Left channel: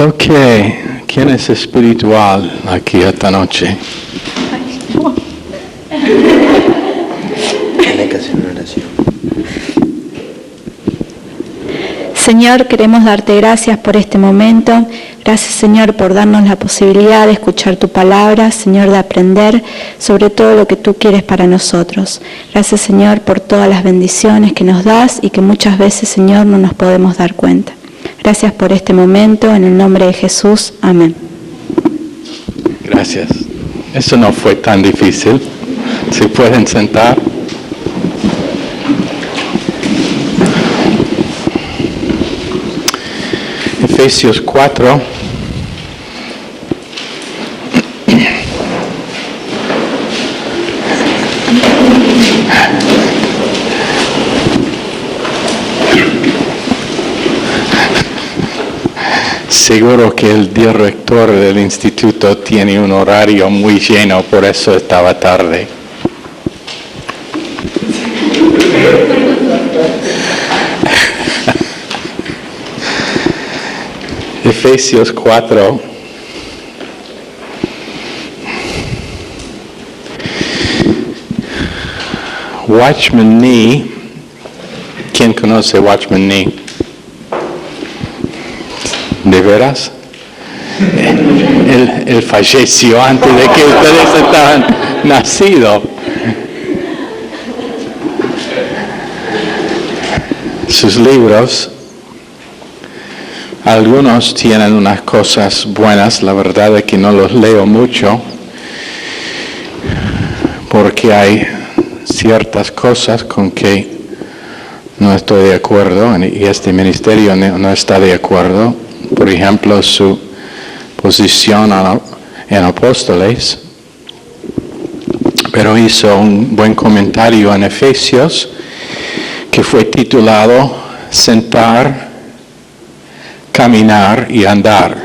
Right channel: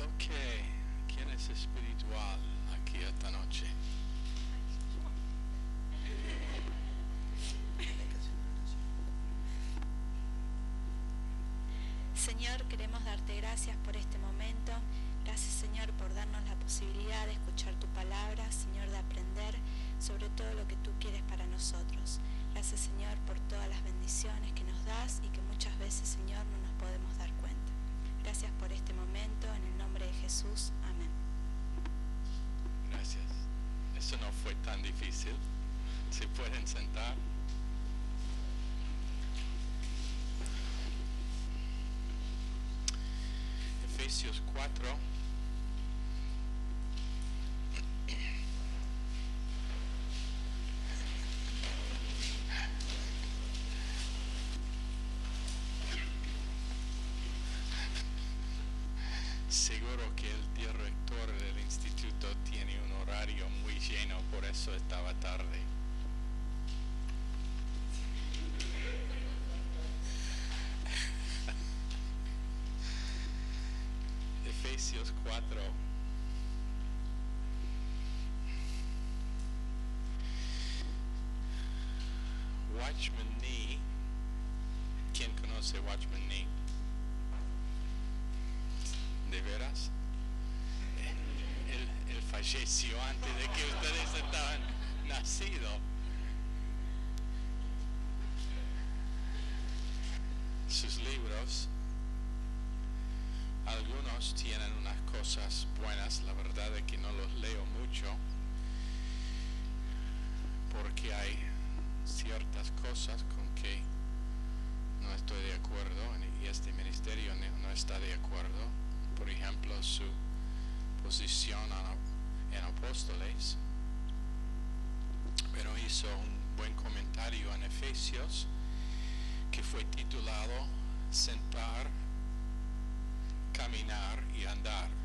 Ok, ¿quién es espiritual aquí esta noche? Tiene que hacer una oración. Señor, queremos darte gracias por este momento. Gracias, Señor, por darnos la posibilidad de escuchar tu palabra, Señor, de aprender sobre todo lo que tú quieres para nosotros. Gracias, Señor, por todas las bendiciones que nos das y que muchas veces, Señor, no nos podemos dar cuenta. Gracias por este momento, en el nombre de Jesús. Amén. Gracias. Eso no fue tan difícil. ¿Se pueden sentar? Efesios 4. Seguro que el director del instituto tiene un horario muy lleno, por eso estaba tarde. Efesios 4. Watchman Nee. ¿Quién conoce Watchman Nee? ¿De veras? Él falleció antes de que ustedes estaban nacidos. Sus libros, algunos tienen unas cosas buenas, la verdad es que no los leo mucho, porque hay ciertas cosas con que no estoy de acuerdo, y este ministerio no está de acuerdo. Por ejemplo, su posición en Apóstoles, pero hizo un buen comentario en Efesios que fue titulado Sentar, Caminar y Andar.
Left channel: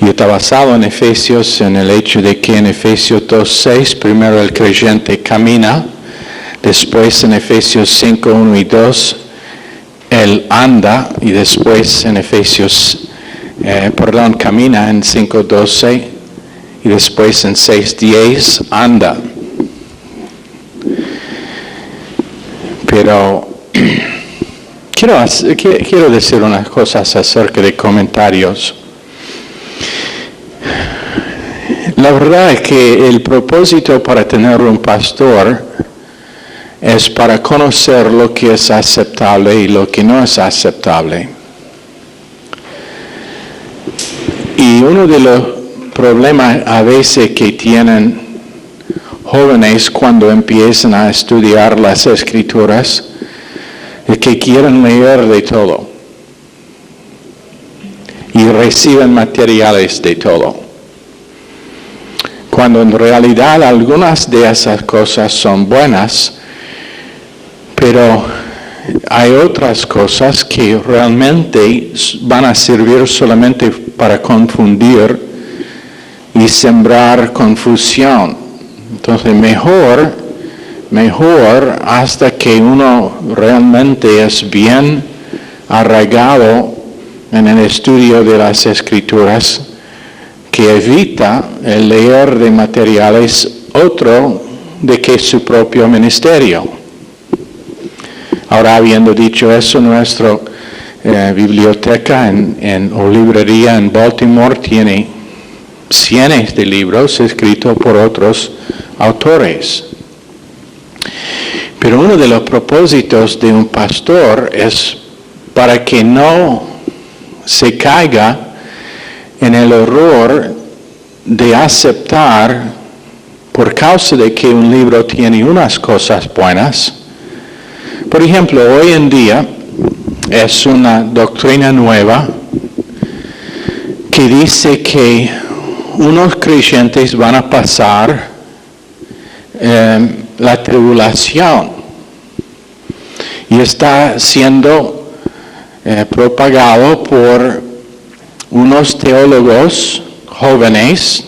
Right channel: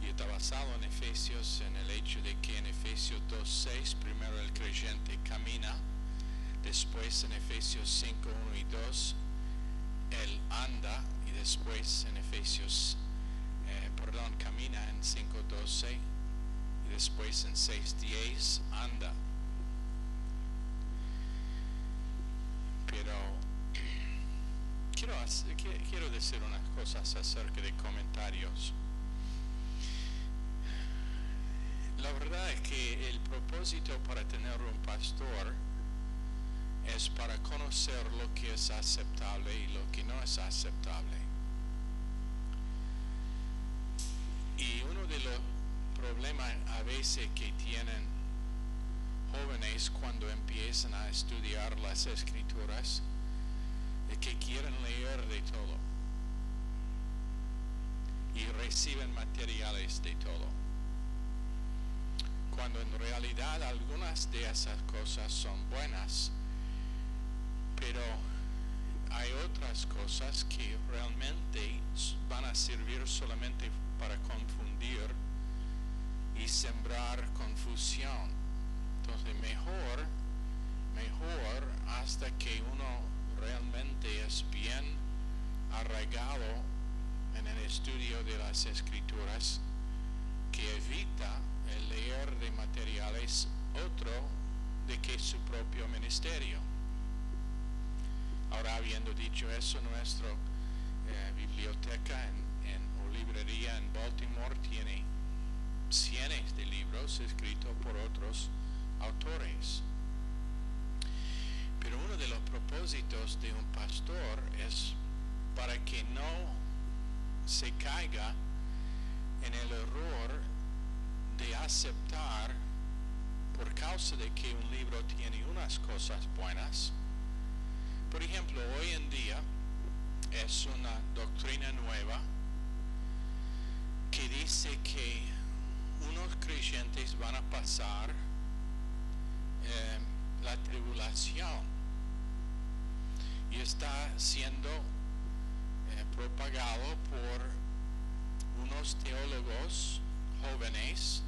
Y está basado en Efesios en el hecho de que en Efesios 2:6 primero el creyente camina, después en Efesios 5:1 y 2 él anda, y después en Efesios, camina en 5:12 y después en 6:10 anda. Pero quiero decir unas cosas acerca de comentarios. La verdad es que el propósito para tener un pastor es para conocer lo que es aceptable y lo que no es aceptable. Y uno de los problemas a veces que tienen jóvenes cuando empiezan a estudiar las Escrituras es que quieren leer de todo y reciben materiales de todo, cuando en realidad algunas de esas cosas son buenas, pero hay otras cosas que realmente van a servir solamente para confundir y sembrar confusión. Entonces mejor hasta que uno realmente es bien arraigado en el estudio de las Escrituras, que evita el leer de materiales otro de que su propio ministerio. Ahora, habiendo dicho eso, nuestra biblioteca o librería en Baltimore tiene cientos de libros escritos por otros autores. Pero uno de los propósitos de un pastor es para que no se caiga en el error de aceptar, por causa de que un libro tiene unas cosas buenas. Por ejemplo, hoy en día es una doctrina nueva que dice que unos creyentes van a pasar la tribulación, y está siendo propagado por unos teólogos jóvenes,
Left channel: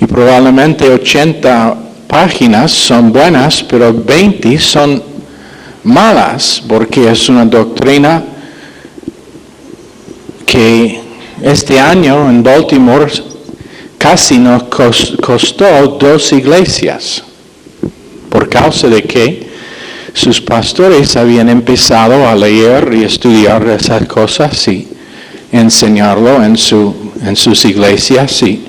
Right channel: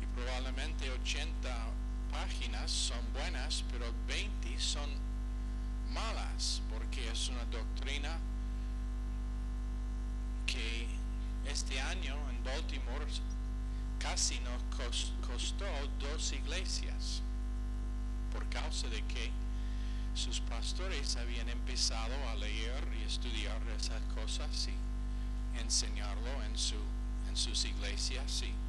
y probablemente 80 páginas son buenas, pero 20 son malas, porque es una doctrina que este año en Baltimore casi nos costó 2 iglesias, por causa de que sus pastores habían empezado a leer y estudiar esas cosas y enseñarlo en sus iglesias. Y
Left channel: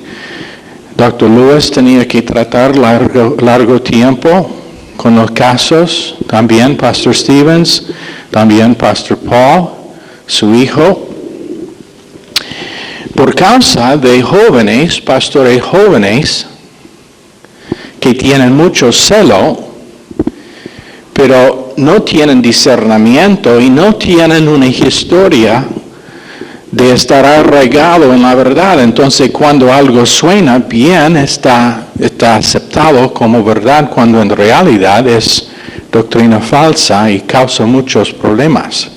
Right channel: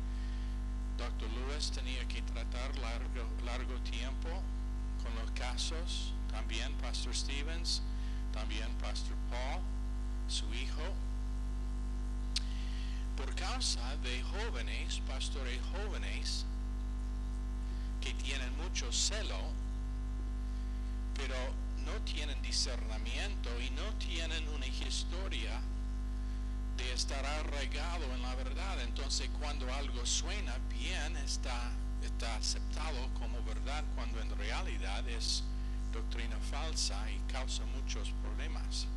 Dr. Lewis tenía que tratar largo tiempo con los casos, también Pastor Stevens, también Pastor Paul, su hijo, por causa de jóvenes, pastores jóvenes, que tienen mucho celo, pero no tienen discernimiento y no tienen una historia de estar arraigado en la verdad. Entonces, cuando algo suena bien, está aceptado como verdad, cuando en realidad es doctrina falsa y causa muchos problemas.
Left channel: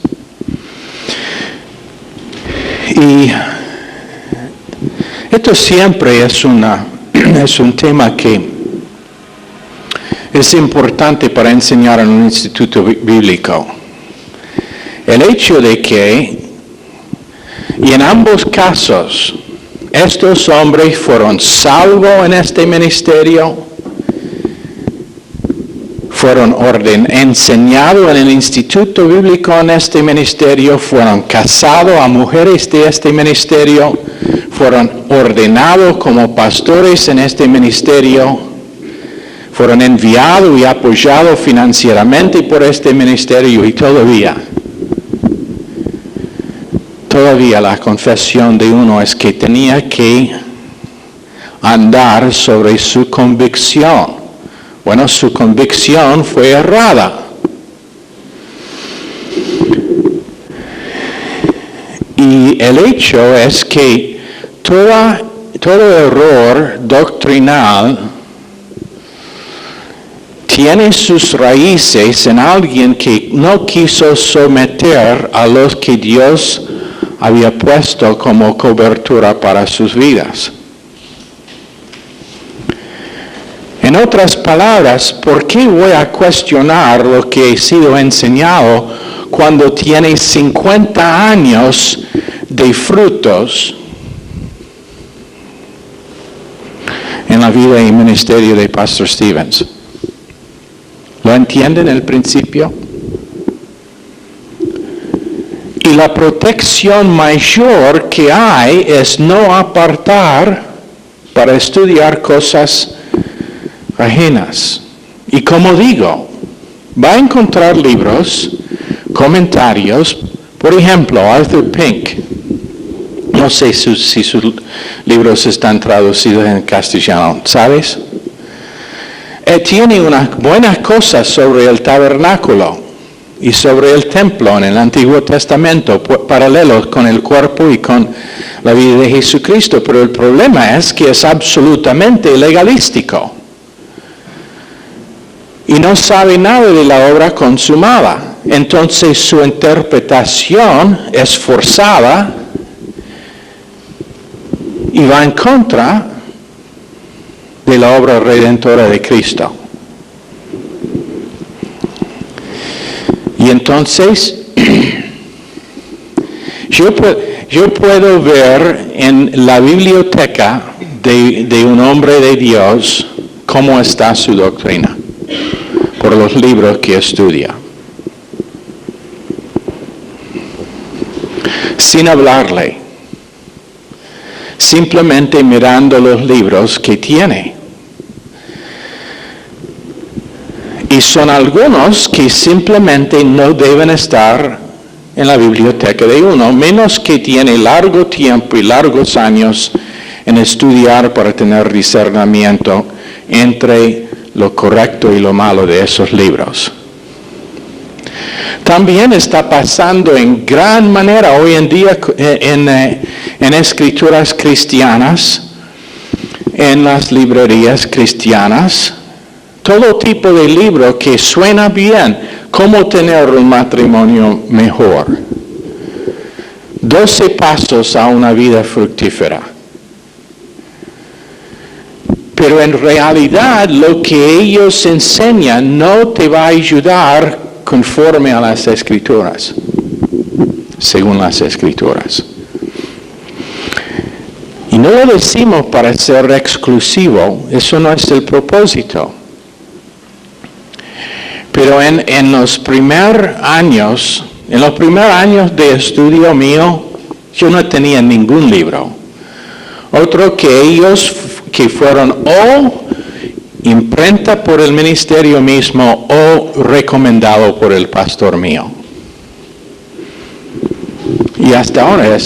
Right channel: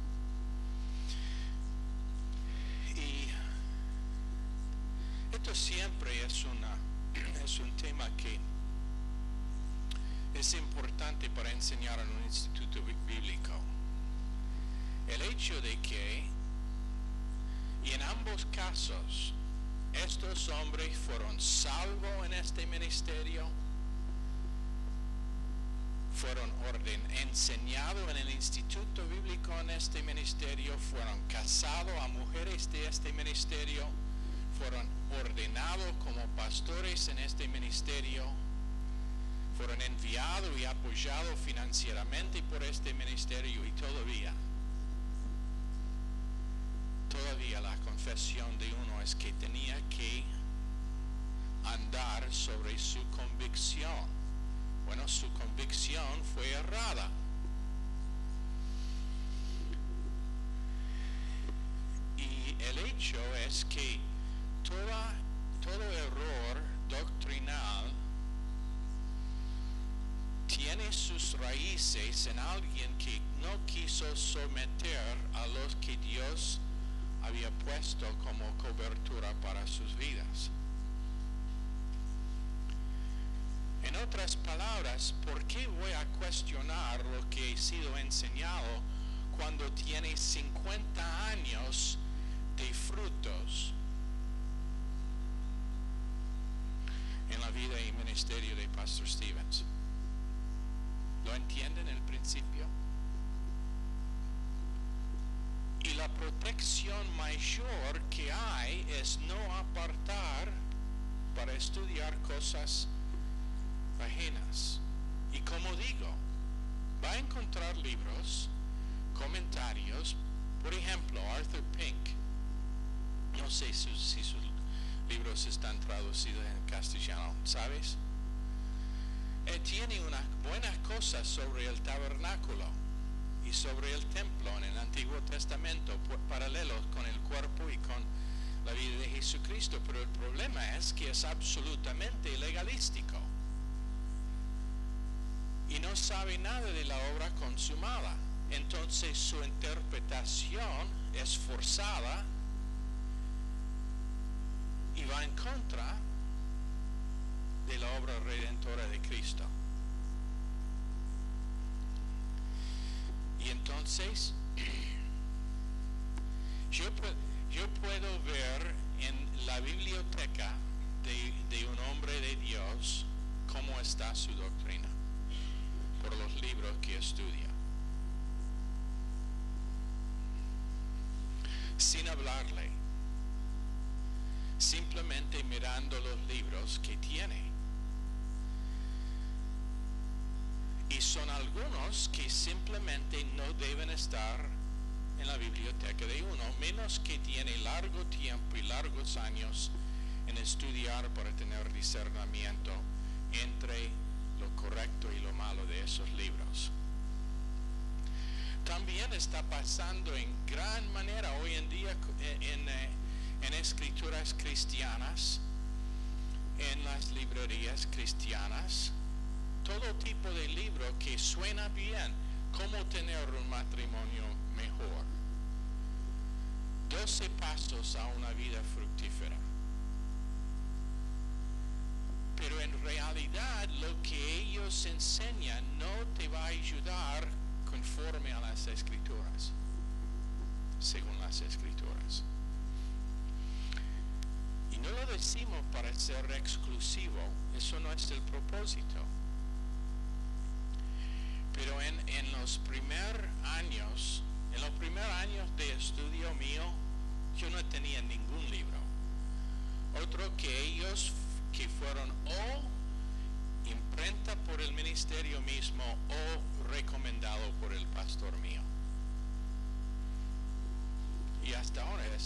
Y esto siempre es un tema que es importante para enseñar en un instituto bíblico. El hecho de que, y en ambos casos, estos hombres fueron salvos en este ministerio, fueron enseñados en el instituto bíblico en este ministerio, fueron casados a mujeres de este ministerio, fueron ordenados como pastores en este ministerio, fueron enviados y apoyados financieramente por este ministerio y todavía la confesión de uno es que tenía que andar sobre su convicción. Bueno, su convicción fue errada. Y el hecho es que todo error doctrinal tiene sus raíces en alguien que no quiso someter a los que Dios había puesto como cobertura para sus vidas. En otras palabras, ¿por qué voy a cuestionar lo que he sido enseñado cuando tiene 50 años de frutos en la vida y ministerio de Pastor Stevens? ¿Lo entienden el principio? Y la protección mayor que hay es no apartar para estudiar cosas ajenas. Y como digo, va a encontrar libros, comentarios, por ejemplo, Arthur Pink. No sé si sus libros están traducidos en castellano, ¿sabes? Tiene unas buenas cosas sobre el tabernáculo y sobre el templo en el Antiguo Testamento, paralelos con el cuerpo y con la vida de Jesucristo, pero el problema es que es absolutamente legalístico y no sabe nada de la obra consumada. Entonces su interpretación es forzada y va en contra de la obra redentora de Cristo. Y entonces, yo puedo ver en la biblioteca de un hombre de Dios cómo está su doctrina, por los libros que estudia. Sin hablarle, simplemente mirando los libros que tiene. Y son algunos que simplemente no deben estar en la biblioteca de uno, menos que tiene largo tiempo y largos años en estudiar para tener discernimiento entre lo correcto y lo malo de esos libros. También está pasando en gran manera hoy en día en escrituras cristianas, en las librerías cristianas, todo tipo de libro que suena bien, cómo tener un matrimonio mejor. 12 pasos a una vida fructífera. Pero en realidad lo que ellos enseñan no te va a ayudar conforme a las Escrituras, según las Escrituras. Y no lo decimos para ser exclusivo, eso no es el propósito. Pero en los primeros años de estudio mío, yo no tenía ningún libro. Otro que ellos que fueron o imprenta por el ministerio mismo o recomendado por el pastor mío. Y hasta ahora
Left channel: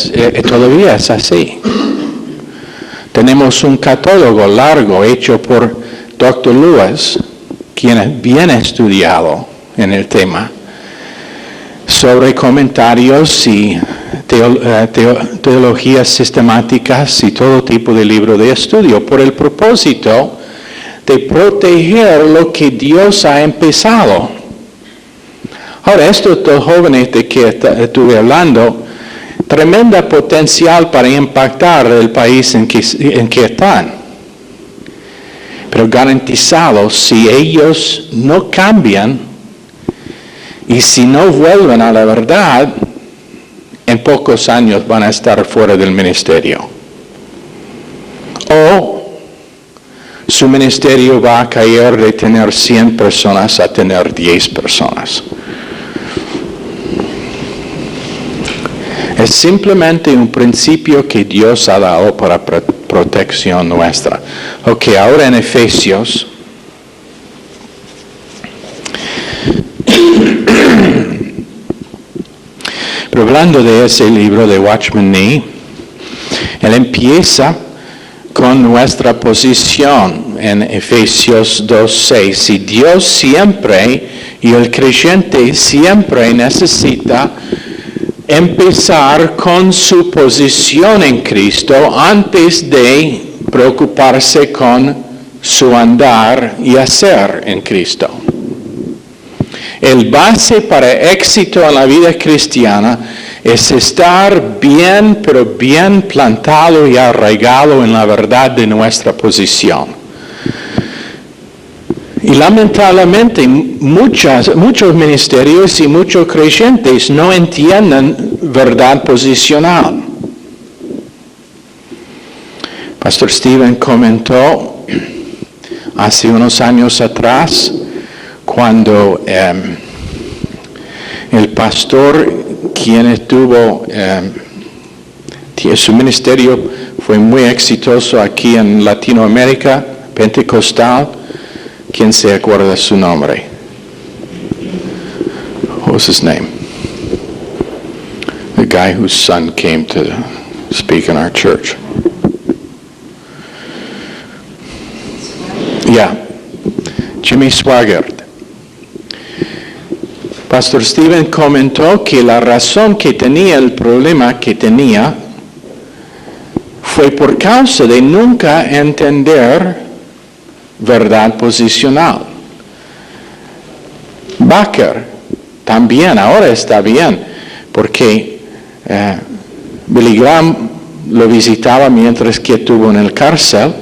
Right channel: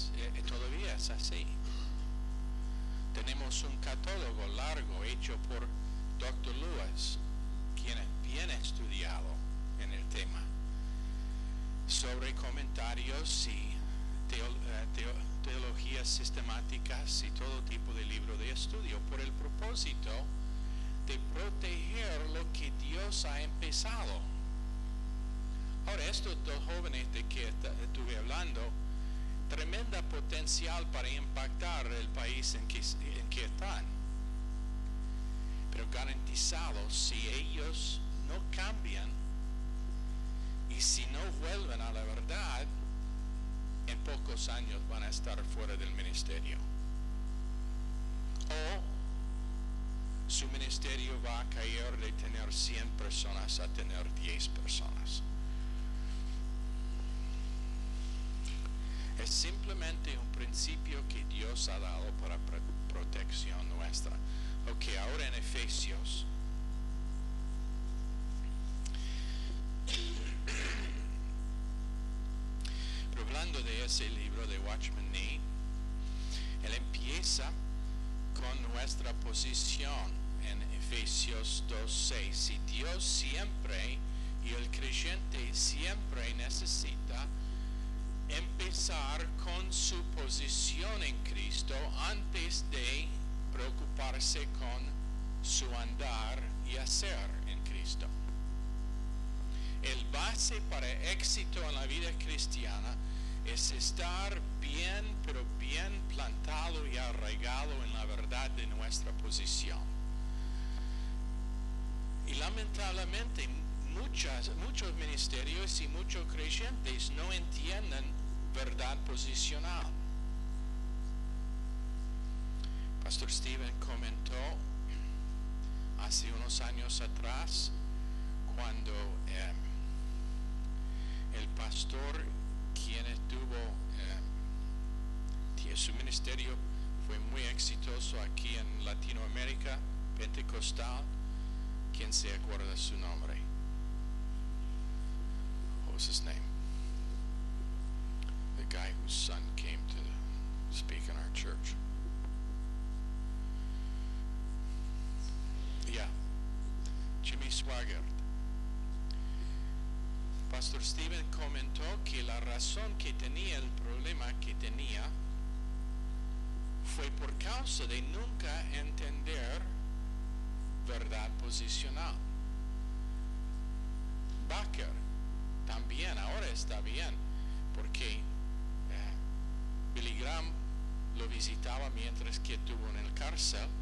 todavía es así. Tenemos un catálogo largo hecho por Dr. Lewis, quien es bien estudiado en el tema, sobre comentarios y teologías sistemáticas y todo tipo de libro de estudio, por el propósito de proteger lo que Dios ha empezado. Ahora, estos dos jóvenes de que estuve hablando, tremenda potencial para impactar el país en que están. Pero garantizado, si ellos no cambian y si no vuelven a la verdad, en pocos años van a estar fuera del ministerio. O su ministerio va a caer de tener 100 personas a tener 10 personas. Es simplemente un principio que Dios ha dado para protección nuestra. Ok, ahora en Efesios. Pero hablando de ese libro de Watchman Nee, él empieza con nuestra posición en Efesios 2:6. Y Dios siempre, y el creyente siempre necesita empezar con su posición en Cristo antes de preocuparse con su andar y hacer en Cristo. El base para éxito en la vida cristiana es estar bien, pero bien plantado y arraigado en la verdad de nuestra posición. Y lamentablemente muchos ministerios y muchos creyentes no entienden verdad posicional. Pastor Steven comentó hace unos años atrás, cuando el pastor, quien estuvo, su ministerio fue muy exitoso aquí en Latinoamérica, pentecostal. ¿Quién se acuerda de su nombre? What was his name? The guy whose son came to speak in our church. Yeah, Jimmy Swaggart. Pastor Steven comentó que la razón que tenía el problema que tenía fue por causa de nunca entender verdad posicional. Baker también ahora está bien, porque Billy Graham lo visitaba mientras que estuvo en el cárcel.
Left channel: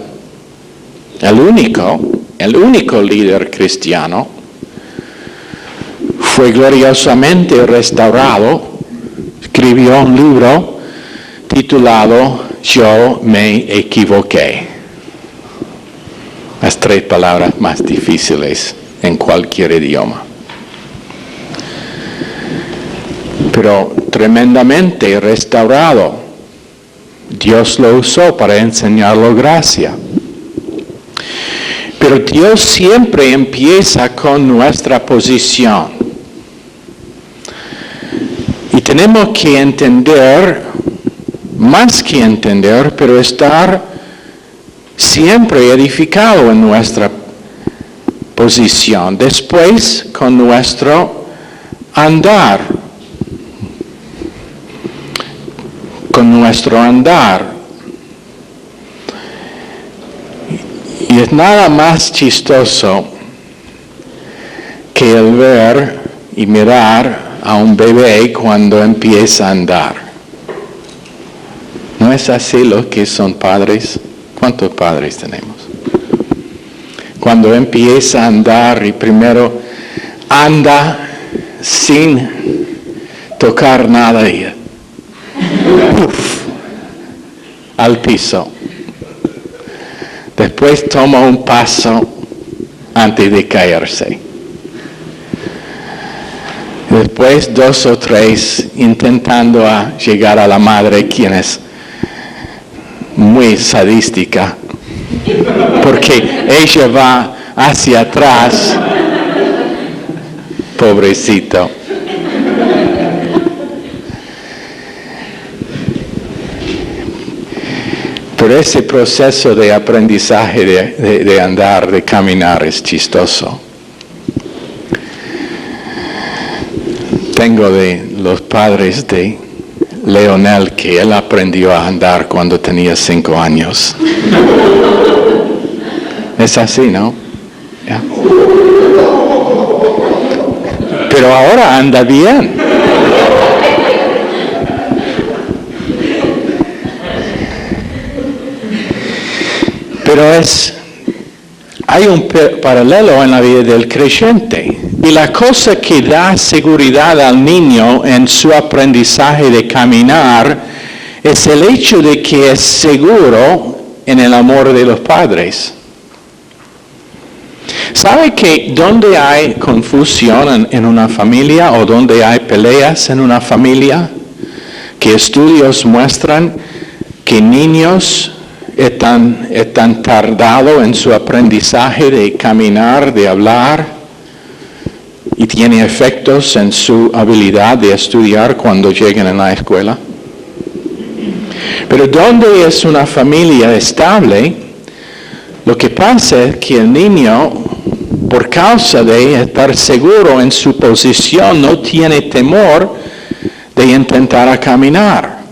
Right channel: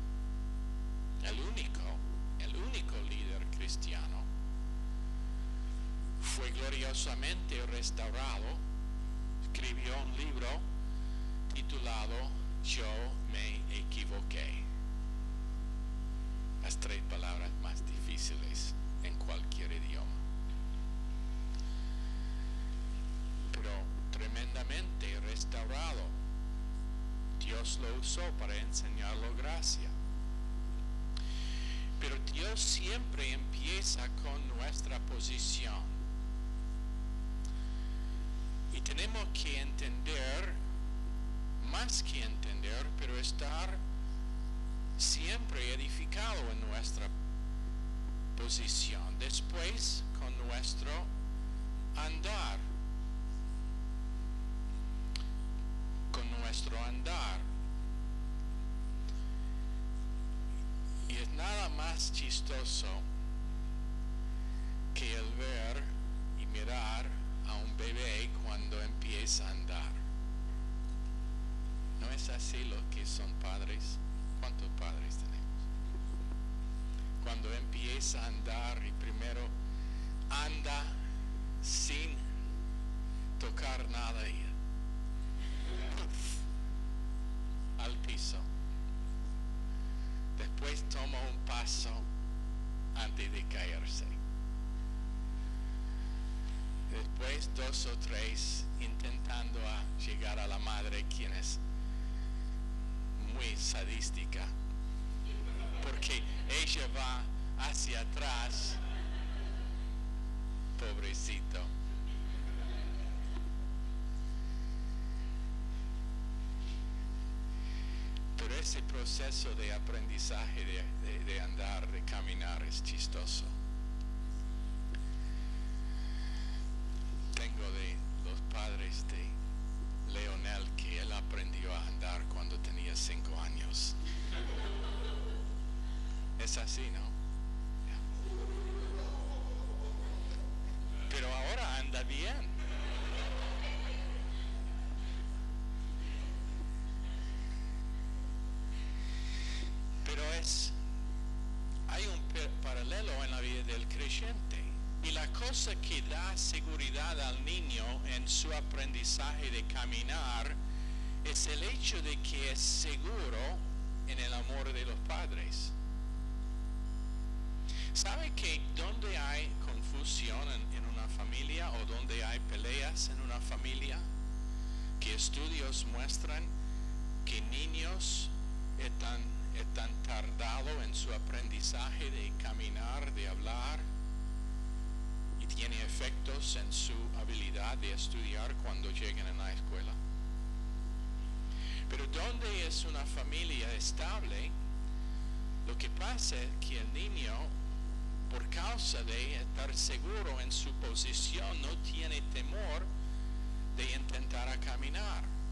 El único líder cristiano fue gloriosamente restaurado. Escribió un libro titulado Yo me equivoqué. Las 3 palabras más difíciles en cualquier idioma. Pero tremendamente restaurado. Dios lo usó para enseñarlo gracia. Pero Dios siempre empieza con nuestra posición. Y tenemos que entender, más que entender, pero estar siempre edificado en nuestra posición. Después, con nuestro andar. Y es nada más chistoso que el ver y mirar a un bebé cuando empieza a andar. ¿No es así los que son padres? ¿Cuántos padres tenemos? Cuando empieza a andar y primero anda sin tocar nada y ¡uf! al piso. Después toma un paso antes de caerse. Después 2 o 3 intentando llegar a la madre, quien es muy sadística, porque ella va hacia atrás, pobrecito. Pero ese proceso de aprendizaje, de andar, de caminar, es chistoso. Tengo de los padres de Leonel, que él aprendió a andar cuando tenía 5 años. Es así, ¿no? Yeah. Pero ahora anda bien. Pero hay un paralelo en la vida del creyente. Y la cosa que da seguridad al niño en su aprendizaje de caminar es el hecho de que es seguro en el amor de los padres. ¿Sabe que donde hay confusión en una familia o donde hay peleas en una familia, que estudios muestran que niños están tardados en su aprendizaje de caminar, de hablar, y tiene efectos en su habilidad de estudiar cuando lleguen a la escuela? Pero donde es una familia estable, lo que pasa es que el niño, por causa de estar seguro en su posición, no tiene temor de intentar caminar.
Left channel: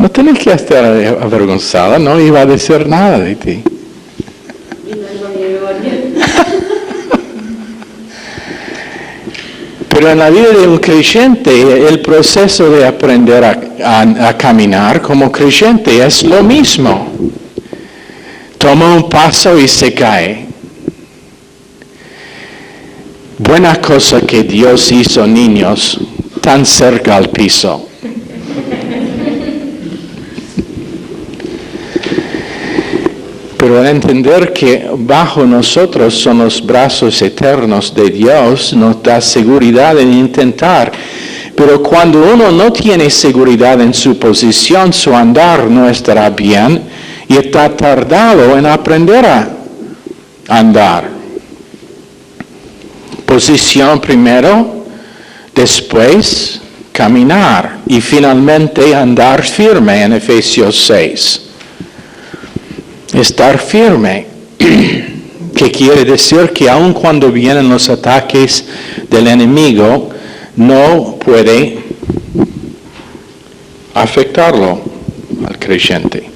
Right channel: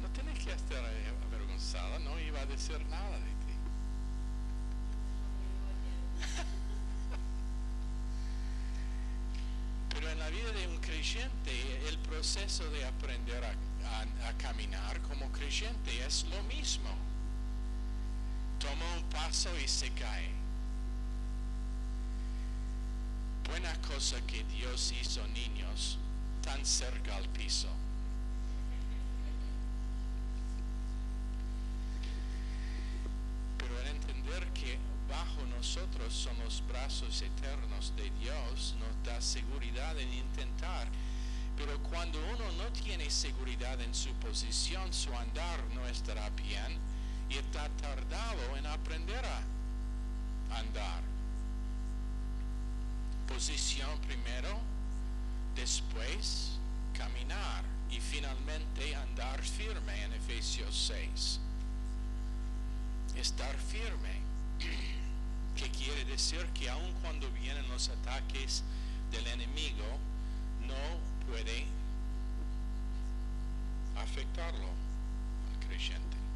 No tienes que estar avergonzada, no iba a decir nada de ti. Pero en la vida de un creyente, el proceso de aprender a caminar como creyente es lo mismo. Toma un paso y se cae. Buena cosa que Dios hizo niños tan cerca al piso. Pero al entender que bajo nosotros son los brazos eternos de Dios, nos da seguridad en intentar. Pero cuando uno no tiene seguridad en su posición, su andar no estará bien y está tardado en aprender a andar. Posición primero, después caminar y finalmente andar firme en Efesios 6. Estar firme, que quiere decir que aun cuando vienen los ataques del enemigo, no puede afectarlo al creyente.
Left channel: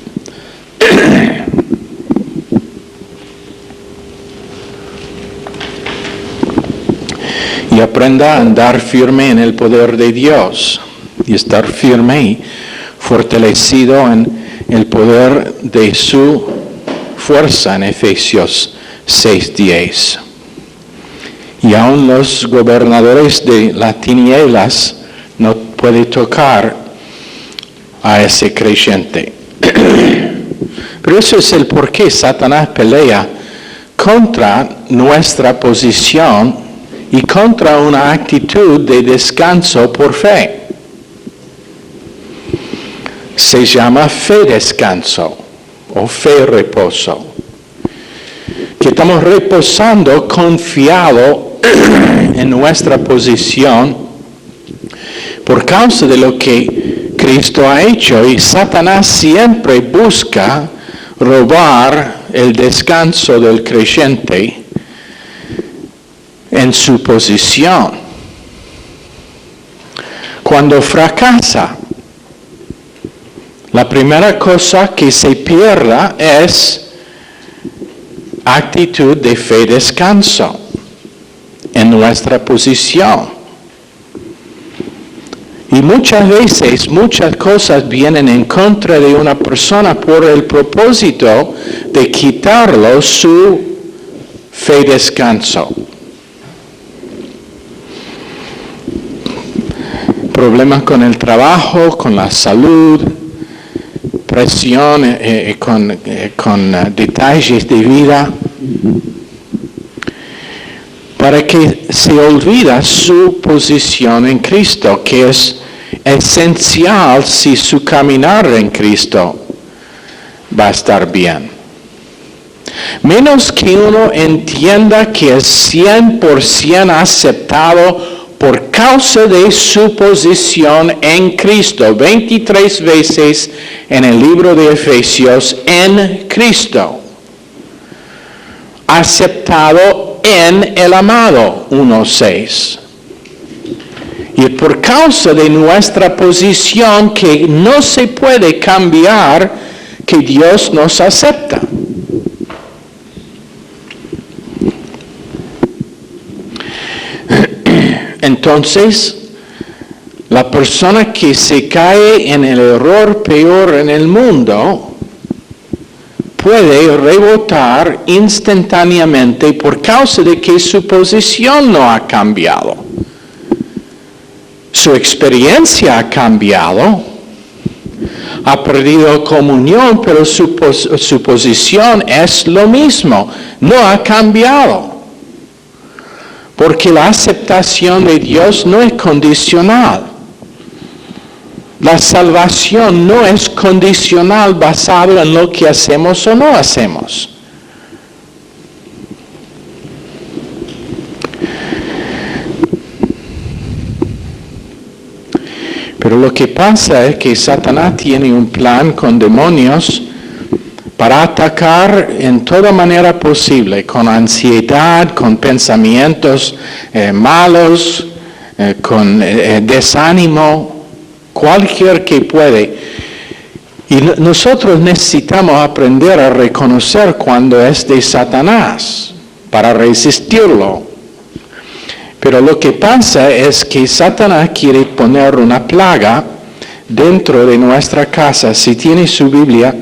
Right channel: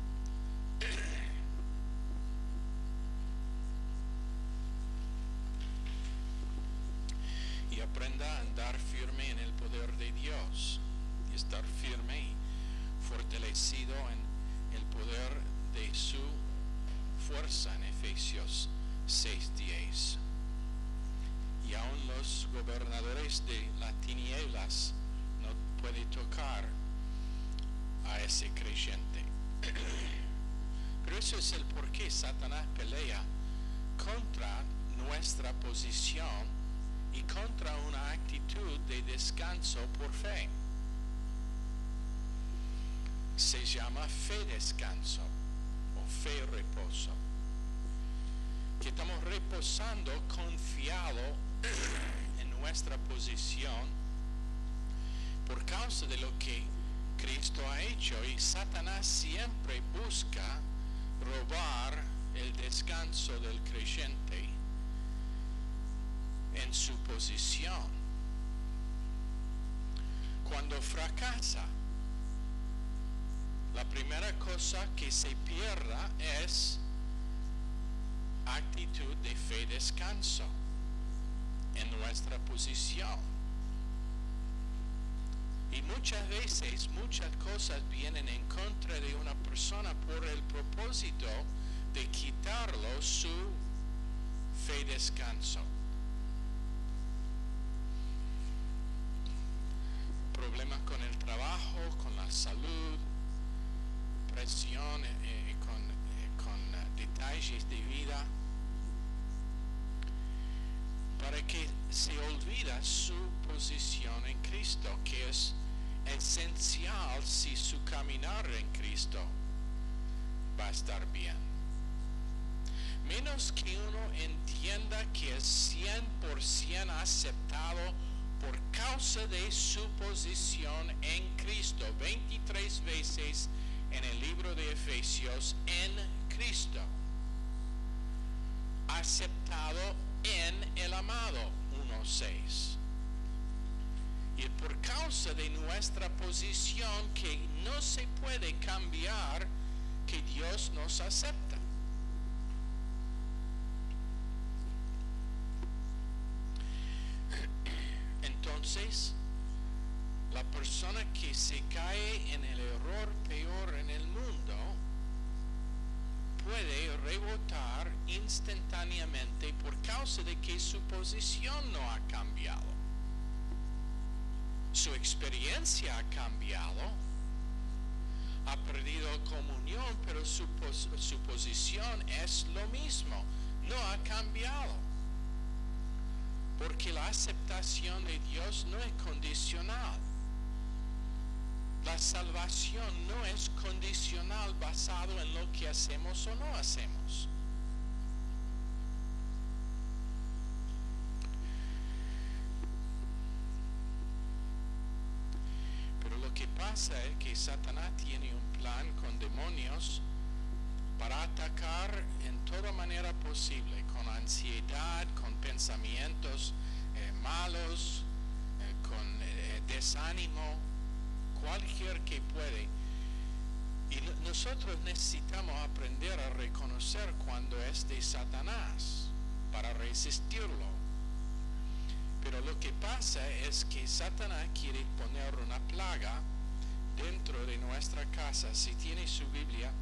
Y aprenda a andar firme en el poder de Dios y estar firme y fortalecido en el poder de su fuerza en Efesios 6:10. Y aún los gobernadores de las tinieblas no pueden tocar a ese creyente. Pero eso es el por qué Satanás pelea contra nuestra posición y contra una actitud de descanso por fe. Se llama fe descanso o fe reposo. Que estamos reposando confiado en nuestra posición por causa de lo que Cristo ha hecho, y Satanás siempre busca robar el descanso del creyente en su posición. Cuando fracasa, la primera cosa que se pierda es actitud de fe descanso en nuestra posición. Y muchas veces, muchas cosas vienen en contra de una persona por el propósito de quitarlo su fe descanso. problemas con el trabajo, con la salud, presión, con detalles de vida, para que se olvida su posición en Cristo, que es esencial si su caminar en Cristo va a estar bien. Menos que uno entienda que es 100% aceptado por causa de su posición en Cristo. 23 veces en el libro de Efesios, en Cristo. Aceptado en el amado, 1:6. Y por causa de nuestra posición que no se puede cambiar, que Dios nos acepta. Entonces, la persona que se cae en el error peor en el mundo puede rebotar instantáneamente por causa de que su posición no ha cambiado. Su experiencia ha cambiado, ha perdido comunión, pero su posición es lo mismo, no ha cambiado. Porque la aceptación de Dios no es condicional. La salvación no es condicional basado en lo que hacemos o no hacemos. Pero lo que pasa es que Satanás tiene un plan con demonios para atacar en toda manera posible, con ansiedad, con pensamientos malos, con desánimo, cualquier que puede. Y nosotros necesitamos aprender a reconocer cuando es de Satanás, para resistirlo. Pero lo que pasa es que Satanás quiere poner una plaga dentro de nuestra casa. Si tiene su Biblia,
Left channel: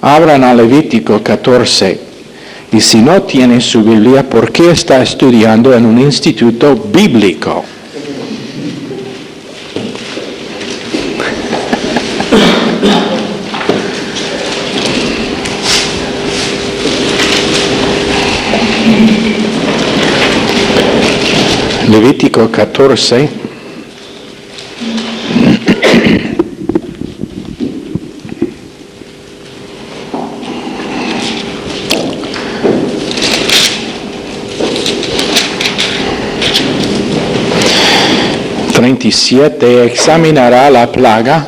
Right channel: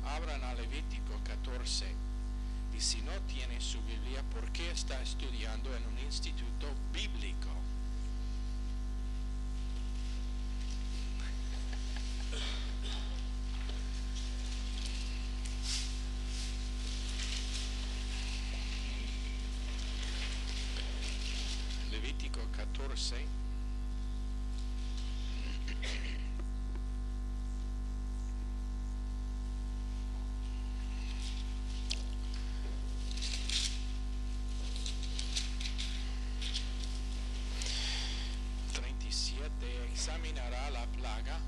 abran a Levítico 14. Y si no tiene su Biblia, ¿por qué está estudiando en un instituto bíblico? Levítico 14. Examinará la plaga,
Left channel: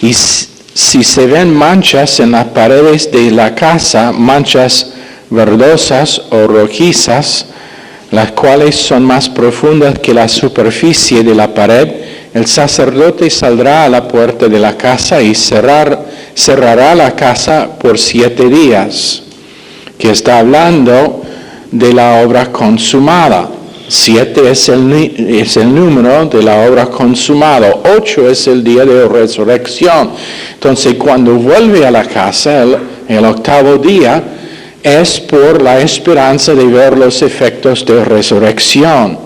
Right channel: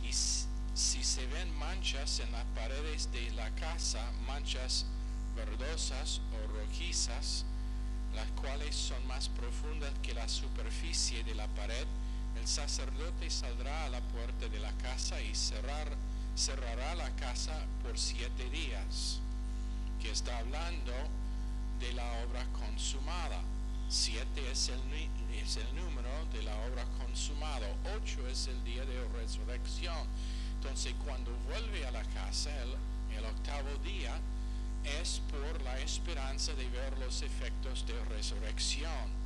y si se ven manchas en las paredes de la casa, manchas verdosas o rojizas, las cuales son más profundas que la superficie de la pared, el sacerdote saldrá a la puerta de la casa y cerrará la casa por 7 días, que está hablando de la obra consumada. 7 es el número de la obra consumada. 8 es el día de resurrección. Entonces, cuando vuelve a la casa, el 8º día, es por la esperanza de ver los efectos de resurrección.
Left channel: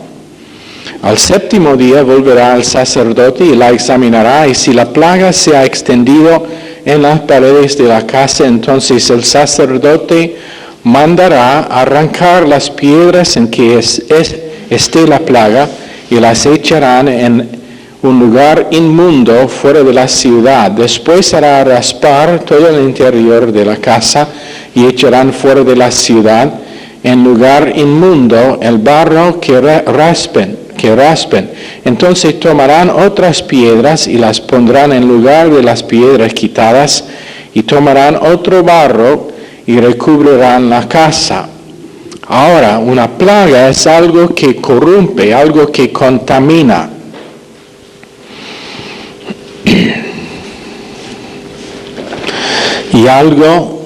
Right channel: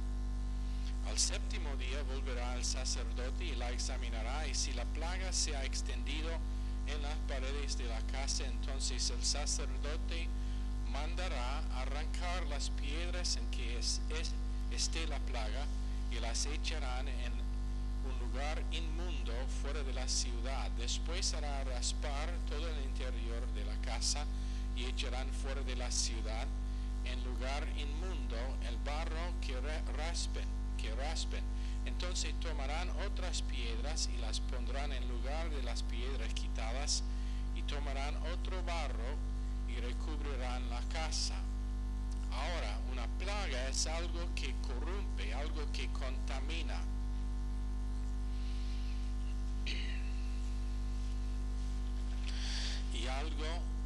Al 7º día volverá el sacerdote y la examinará, y si la plaga se ha extendido en las paredes de la casa, entonces el sacerdote mandará arrancar las piedras en que esté la plaga, y las echarán en un lugar inmundo fuera de la ciudad. Después hará raspar todo el interior de la casa, y echarán fuera de la ciudad, en lugar inmundo, el barro que raspen. Entonces tomarán otras piedras y las pondrán en lugar de las piedras quitadas, y tomarán otro barro y recubrirán la casa. Ahora, una plaga es algo que corrompe, algo que contamina. Y algo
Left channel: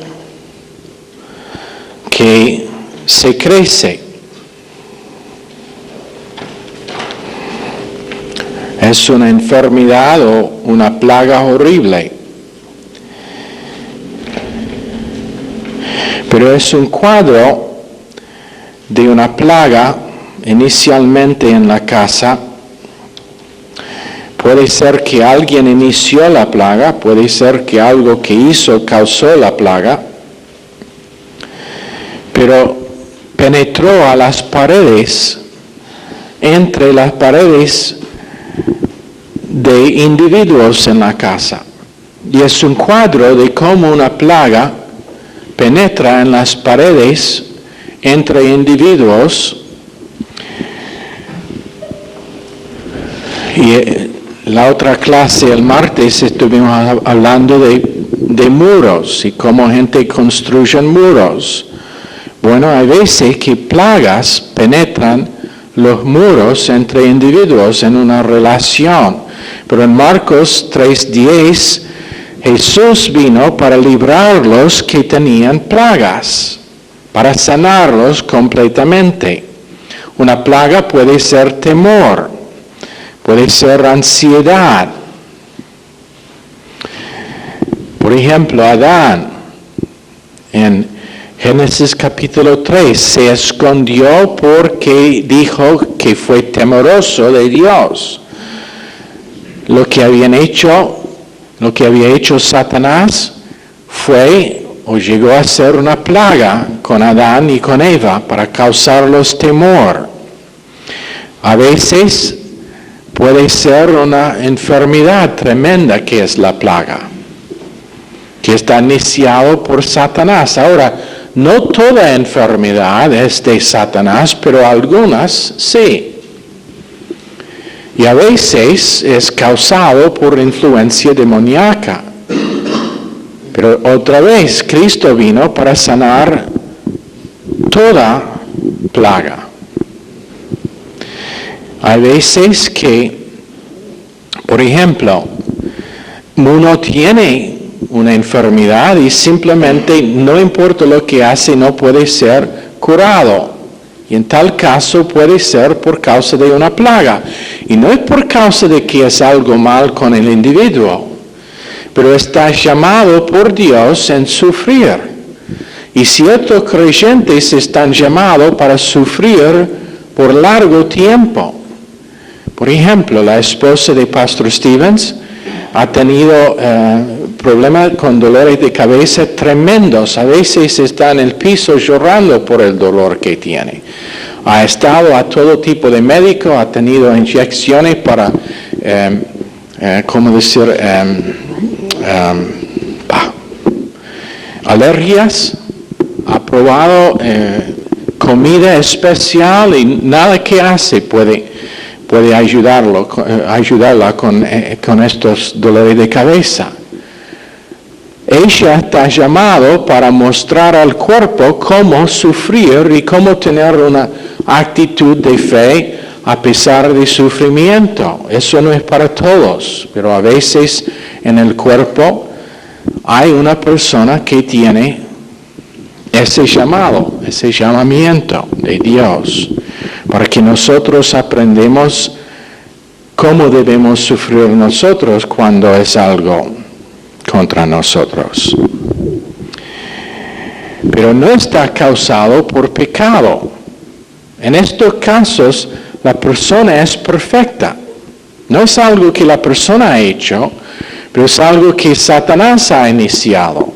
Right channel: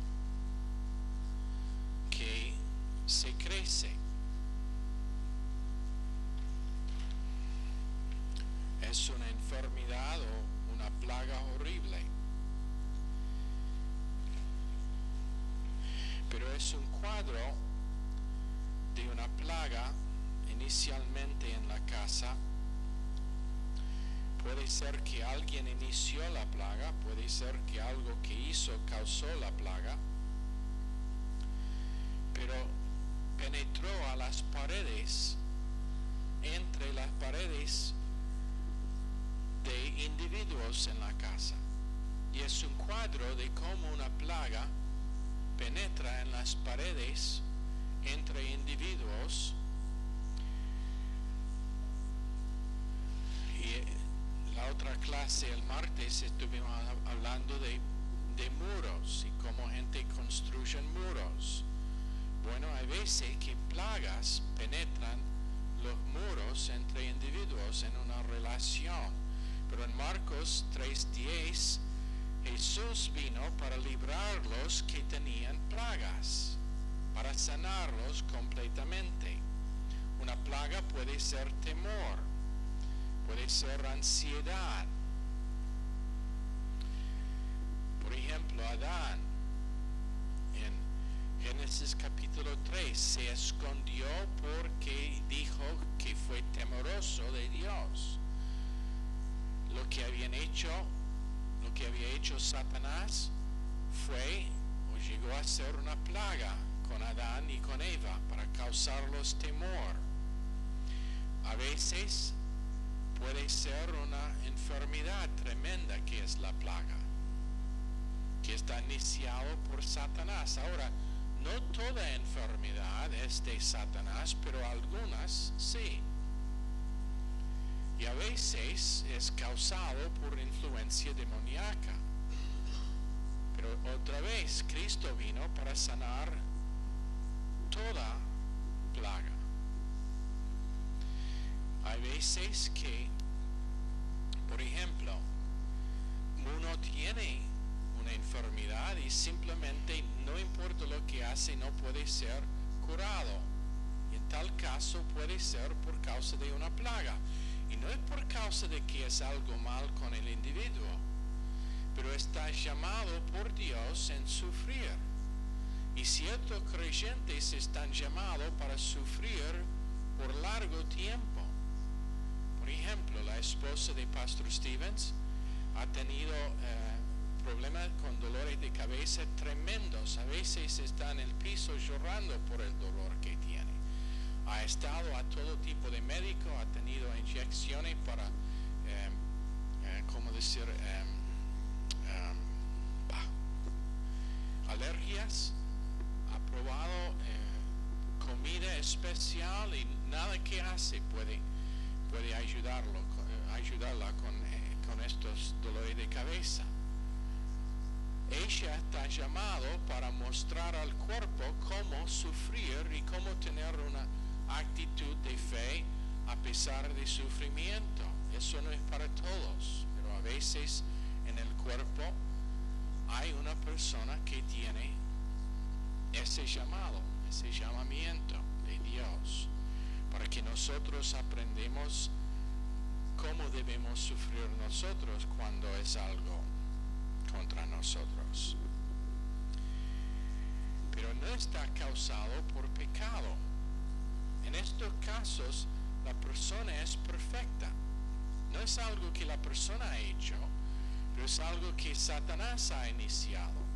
que se crece. Es una enfermedad o una plaga horrible. Pero es un cuadro de una plaga inicialmente en la casa, Puede ser que alguien inició la plaga, puede ser que algo que hizo causó la plaga, pero penetró a las paredes, entre las paredes de individuos en la casa. Y es un cuadro de cómo una plaga penetra en las paredes entre individuos. Y la otra clase, el martes, estuvimos hablando de muros y cómo gente construye muros. Bueno, hay veces que plagas penetran los muros entre individuos en una relación. Pero en Marcos 3:10, Jesús vino para librarlos que tenían plagas, para sanarlos completamente. Una plaga puede ser temor, puede ser ansiedad. Por ejemplo, Adán, en Génesis capítulo 3, se escondió porque dijo que fue temeroso de Dios. Lo que había hecho Satanás fue o llegó a ser una plaga con Adán y con Eva para causarlos temor. A veces puede ser una enfermedad tremenda que es la plaga, que está iniciado por Satanás. Ahora, no toda enfermedad es de Satanás, pero algunas sí. Y a veces es causado por influencia demoníaca. Pero otra vez, Cristo vino para sanar toda plaga. Hay veces que, por ejemplo, uno tiene una enfermedad y simplemente no importa lo que hace, no puede ser curado. Y en tal caso puede ser por causa de una plaga. Y no es por causa de que es algo mal con el individuo, pero está llamado por Dios en sufrir. Y ciertos creyentes están llamados para sufrir por largo tiempo. Por ejemplo, la esposa de Pastor Stevens ha tenido problemas con dolores de cabeza tremendos. A veces está en el piso llorando por el dolor que tiene. Ha estado a todo tipo de médico, ha tenido inyecciones para, alergias, ha probado comida especial y nada que hace puede ayudarla con estos dolores de cabeza. Ella está llamado para mostrar al cuerpo cómo sufrir y cómo tener una actitud de fe a pesar de sufrimiento. Eso no es para todos, pero a veces en el cuerpo hay una persona que tiene ese llamado, ese llamamiento de Dios, para que nosotros aprendamos cómo debemos sufrir nosotros cuando es algo contra nosotros. Pero no está causado por pecado. En estos casos, la persona es perfecta. No es algo que la persona ha hecho, pero es algo que Satanás ha iniciado.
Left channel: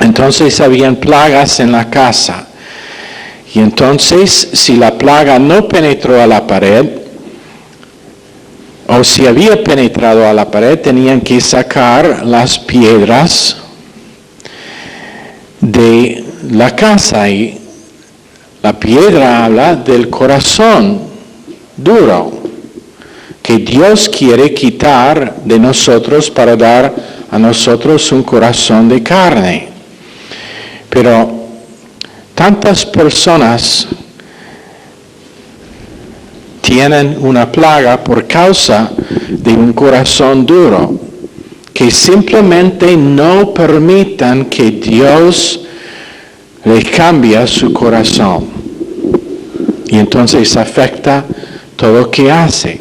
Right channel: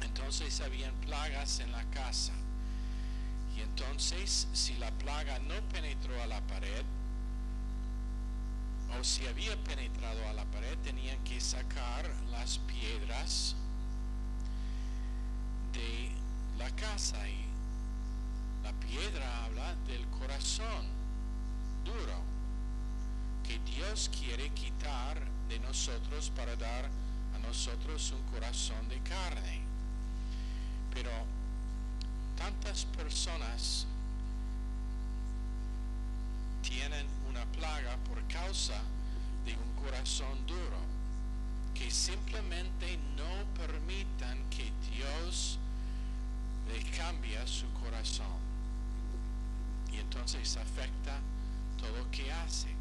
Entonces habían plagas en la casa. Y entonces, si la plaga no penetró a la pared, o si había penetrado a la pared, tenían que sacar las piedras de la casa. Y la piedra habla del corazón duro, que Dios quiere quitar de nosotros para dar a nosotros un corazón de carne. Pero tantas personas tienen una plaga por causa de un corazón duro, que simplemente no permitan que Dios les cambie su corazón. Y entonces afecta todo lo que hace.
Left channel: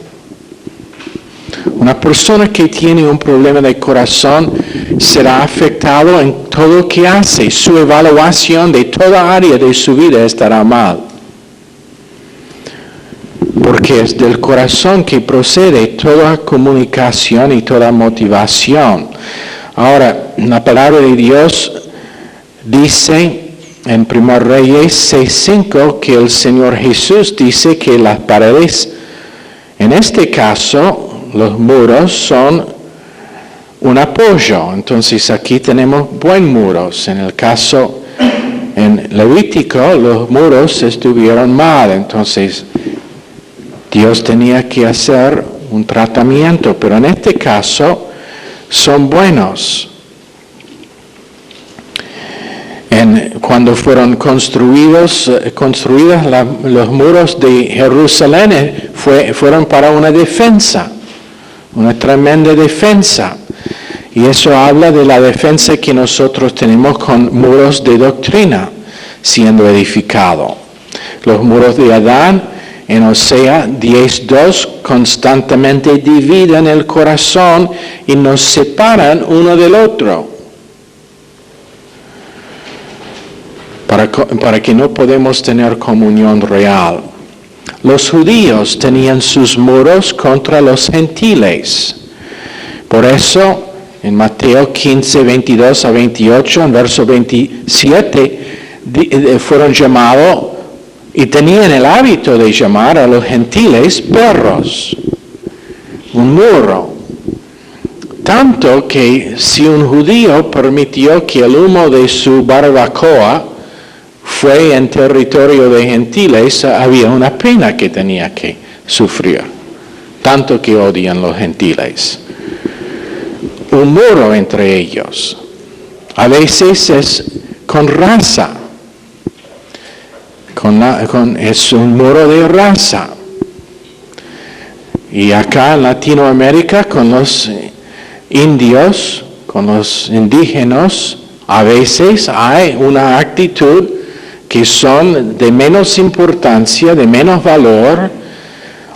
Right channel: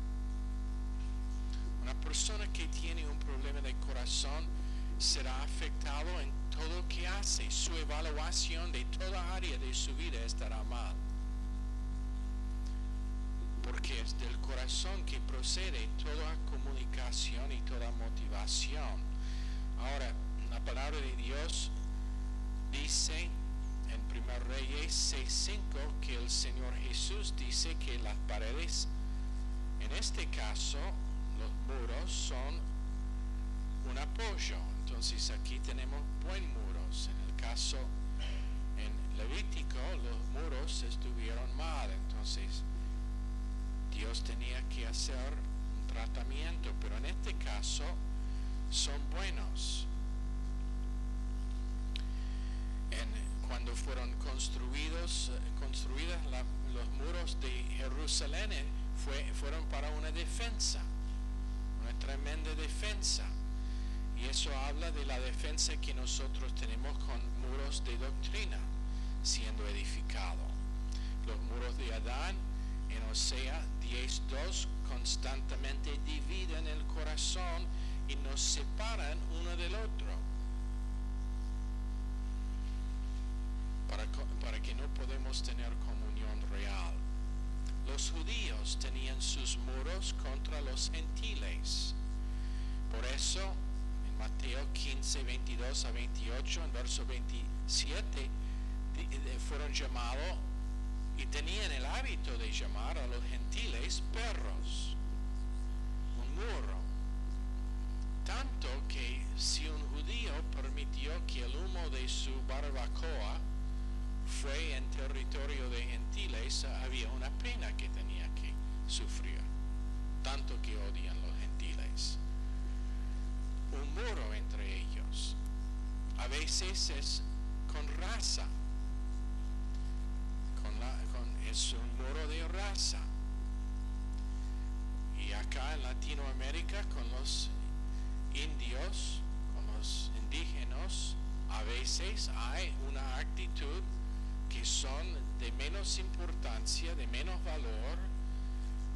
Una persona que tiene un problema de corazón será afectado en todo lo que hace. Su evaluación de toda área de su vida estará mal. porque es del corazón que procede toda comunicación y toda motivación. Ahora, la palabra de Dios dice en 1 Reyes 6:5 que el Señor Jesús dice que las paredes, en este caso, los muros son un apoyo. Entonces aquí tenemos buen muros. En el caso, en Levítico, los muros estuvieron mal. Entonces Dios tenía que hacer un tratamiento, pero en este caso son buenos. Cuando fueron construidos los muros de Jerusalén, fueron para una defensa, una tremenda defensa. Y eso habla de la defensa que nosotros tenemos con muros de doctrina siendo edificado. Los muros de Adán, en Osea 10:2, constantemente dividen el corazón y nos separan uno del otro. Para que no podemos tener comunión real. Los judíos tenían sus muros contra los gentiles. Por eso, en Mateo 15, 22 a 28, en verso 27, fueron llamados y tenían el hábito de llamar a los gentiles perros. Un muro. Tanto que si un judío permitió que el humo de su barbacoa fue en territorio de gentiles, había una pena que tenía que sufrir. Tanto que odian los gentiles. Un muro entre ellos. A veces es con raza. Es un muro de raza. Y acá en Latinoamérica con los indios, con los indígenas, a veces hay una actitud que son de menos importancia, de menos valor,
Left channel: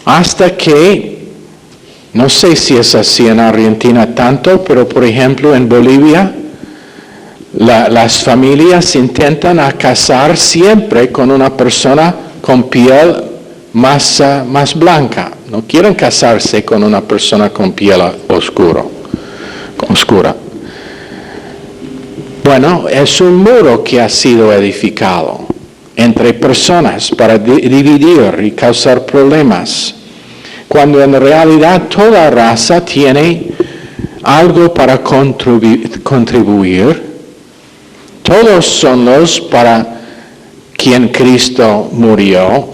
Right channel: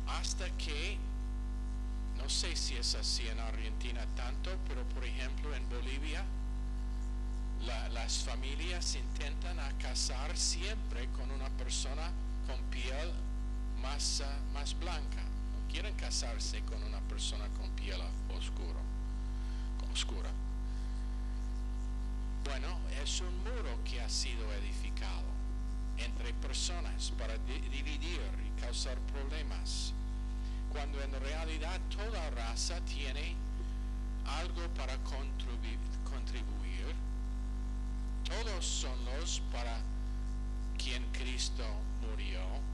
hasta que, no sé si es así en Argentina tanto, pero por ejemplo en Bolivia, las familias intentan casar siempre con una persona con piel más blanca. No quieren casarse con una persona con piel oscura. Bueno, es un muro que ha sido edificado entre personas para dividir y causar problemas, cuando en realidad toda raza tiene algo para contribuir. Todos son los para quien Cristo murió,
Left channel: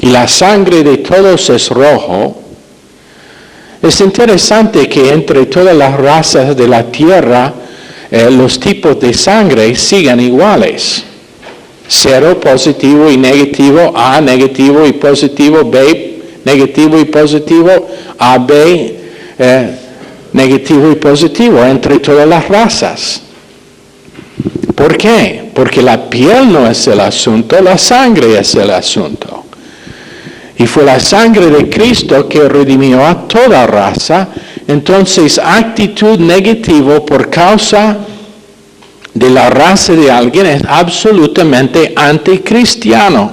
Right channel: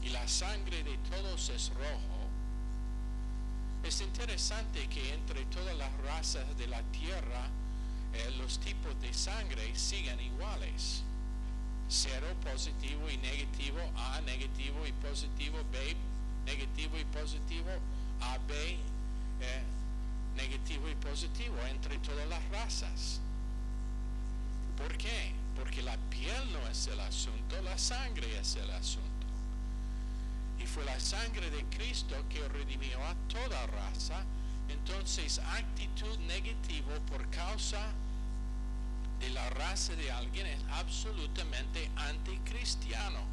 y la sangre de todos es rojo. Es interesante que entre todas las razas de la tierra, los tipos de sangre sigan iguales. 0, positivo y negativo, A, negativo y positivo, B, negativo y positivo, AB, negativo y positivo, entre todas las razas. ¿Por qué? Porque la piel no es el asunto, la sangre es el asunto. Y fue la sangre de Cristo que redimió a toda raza. Entonces, actitud negativa por causa de la raza de alguien es absolutamente anticristiano.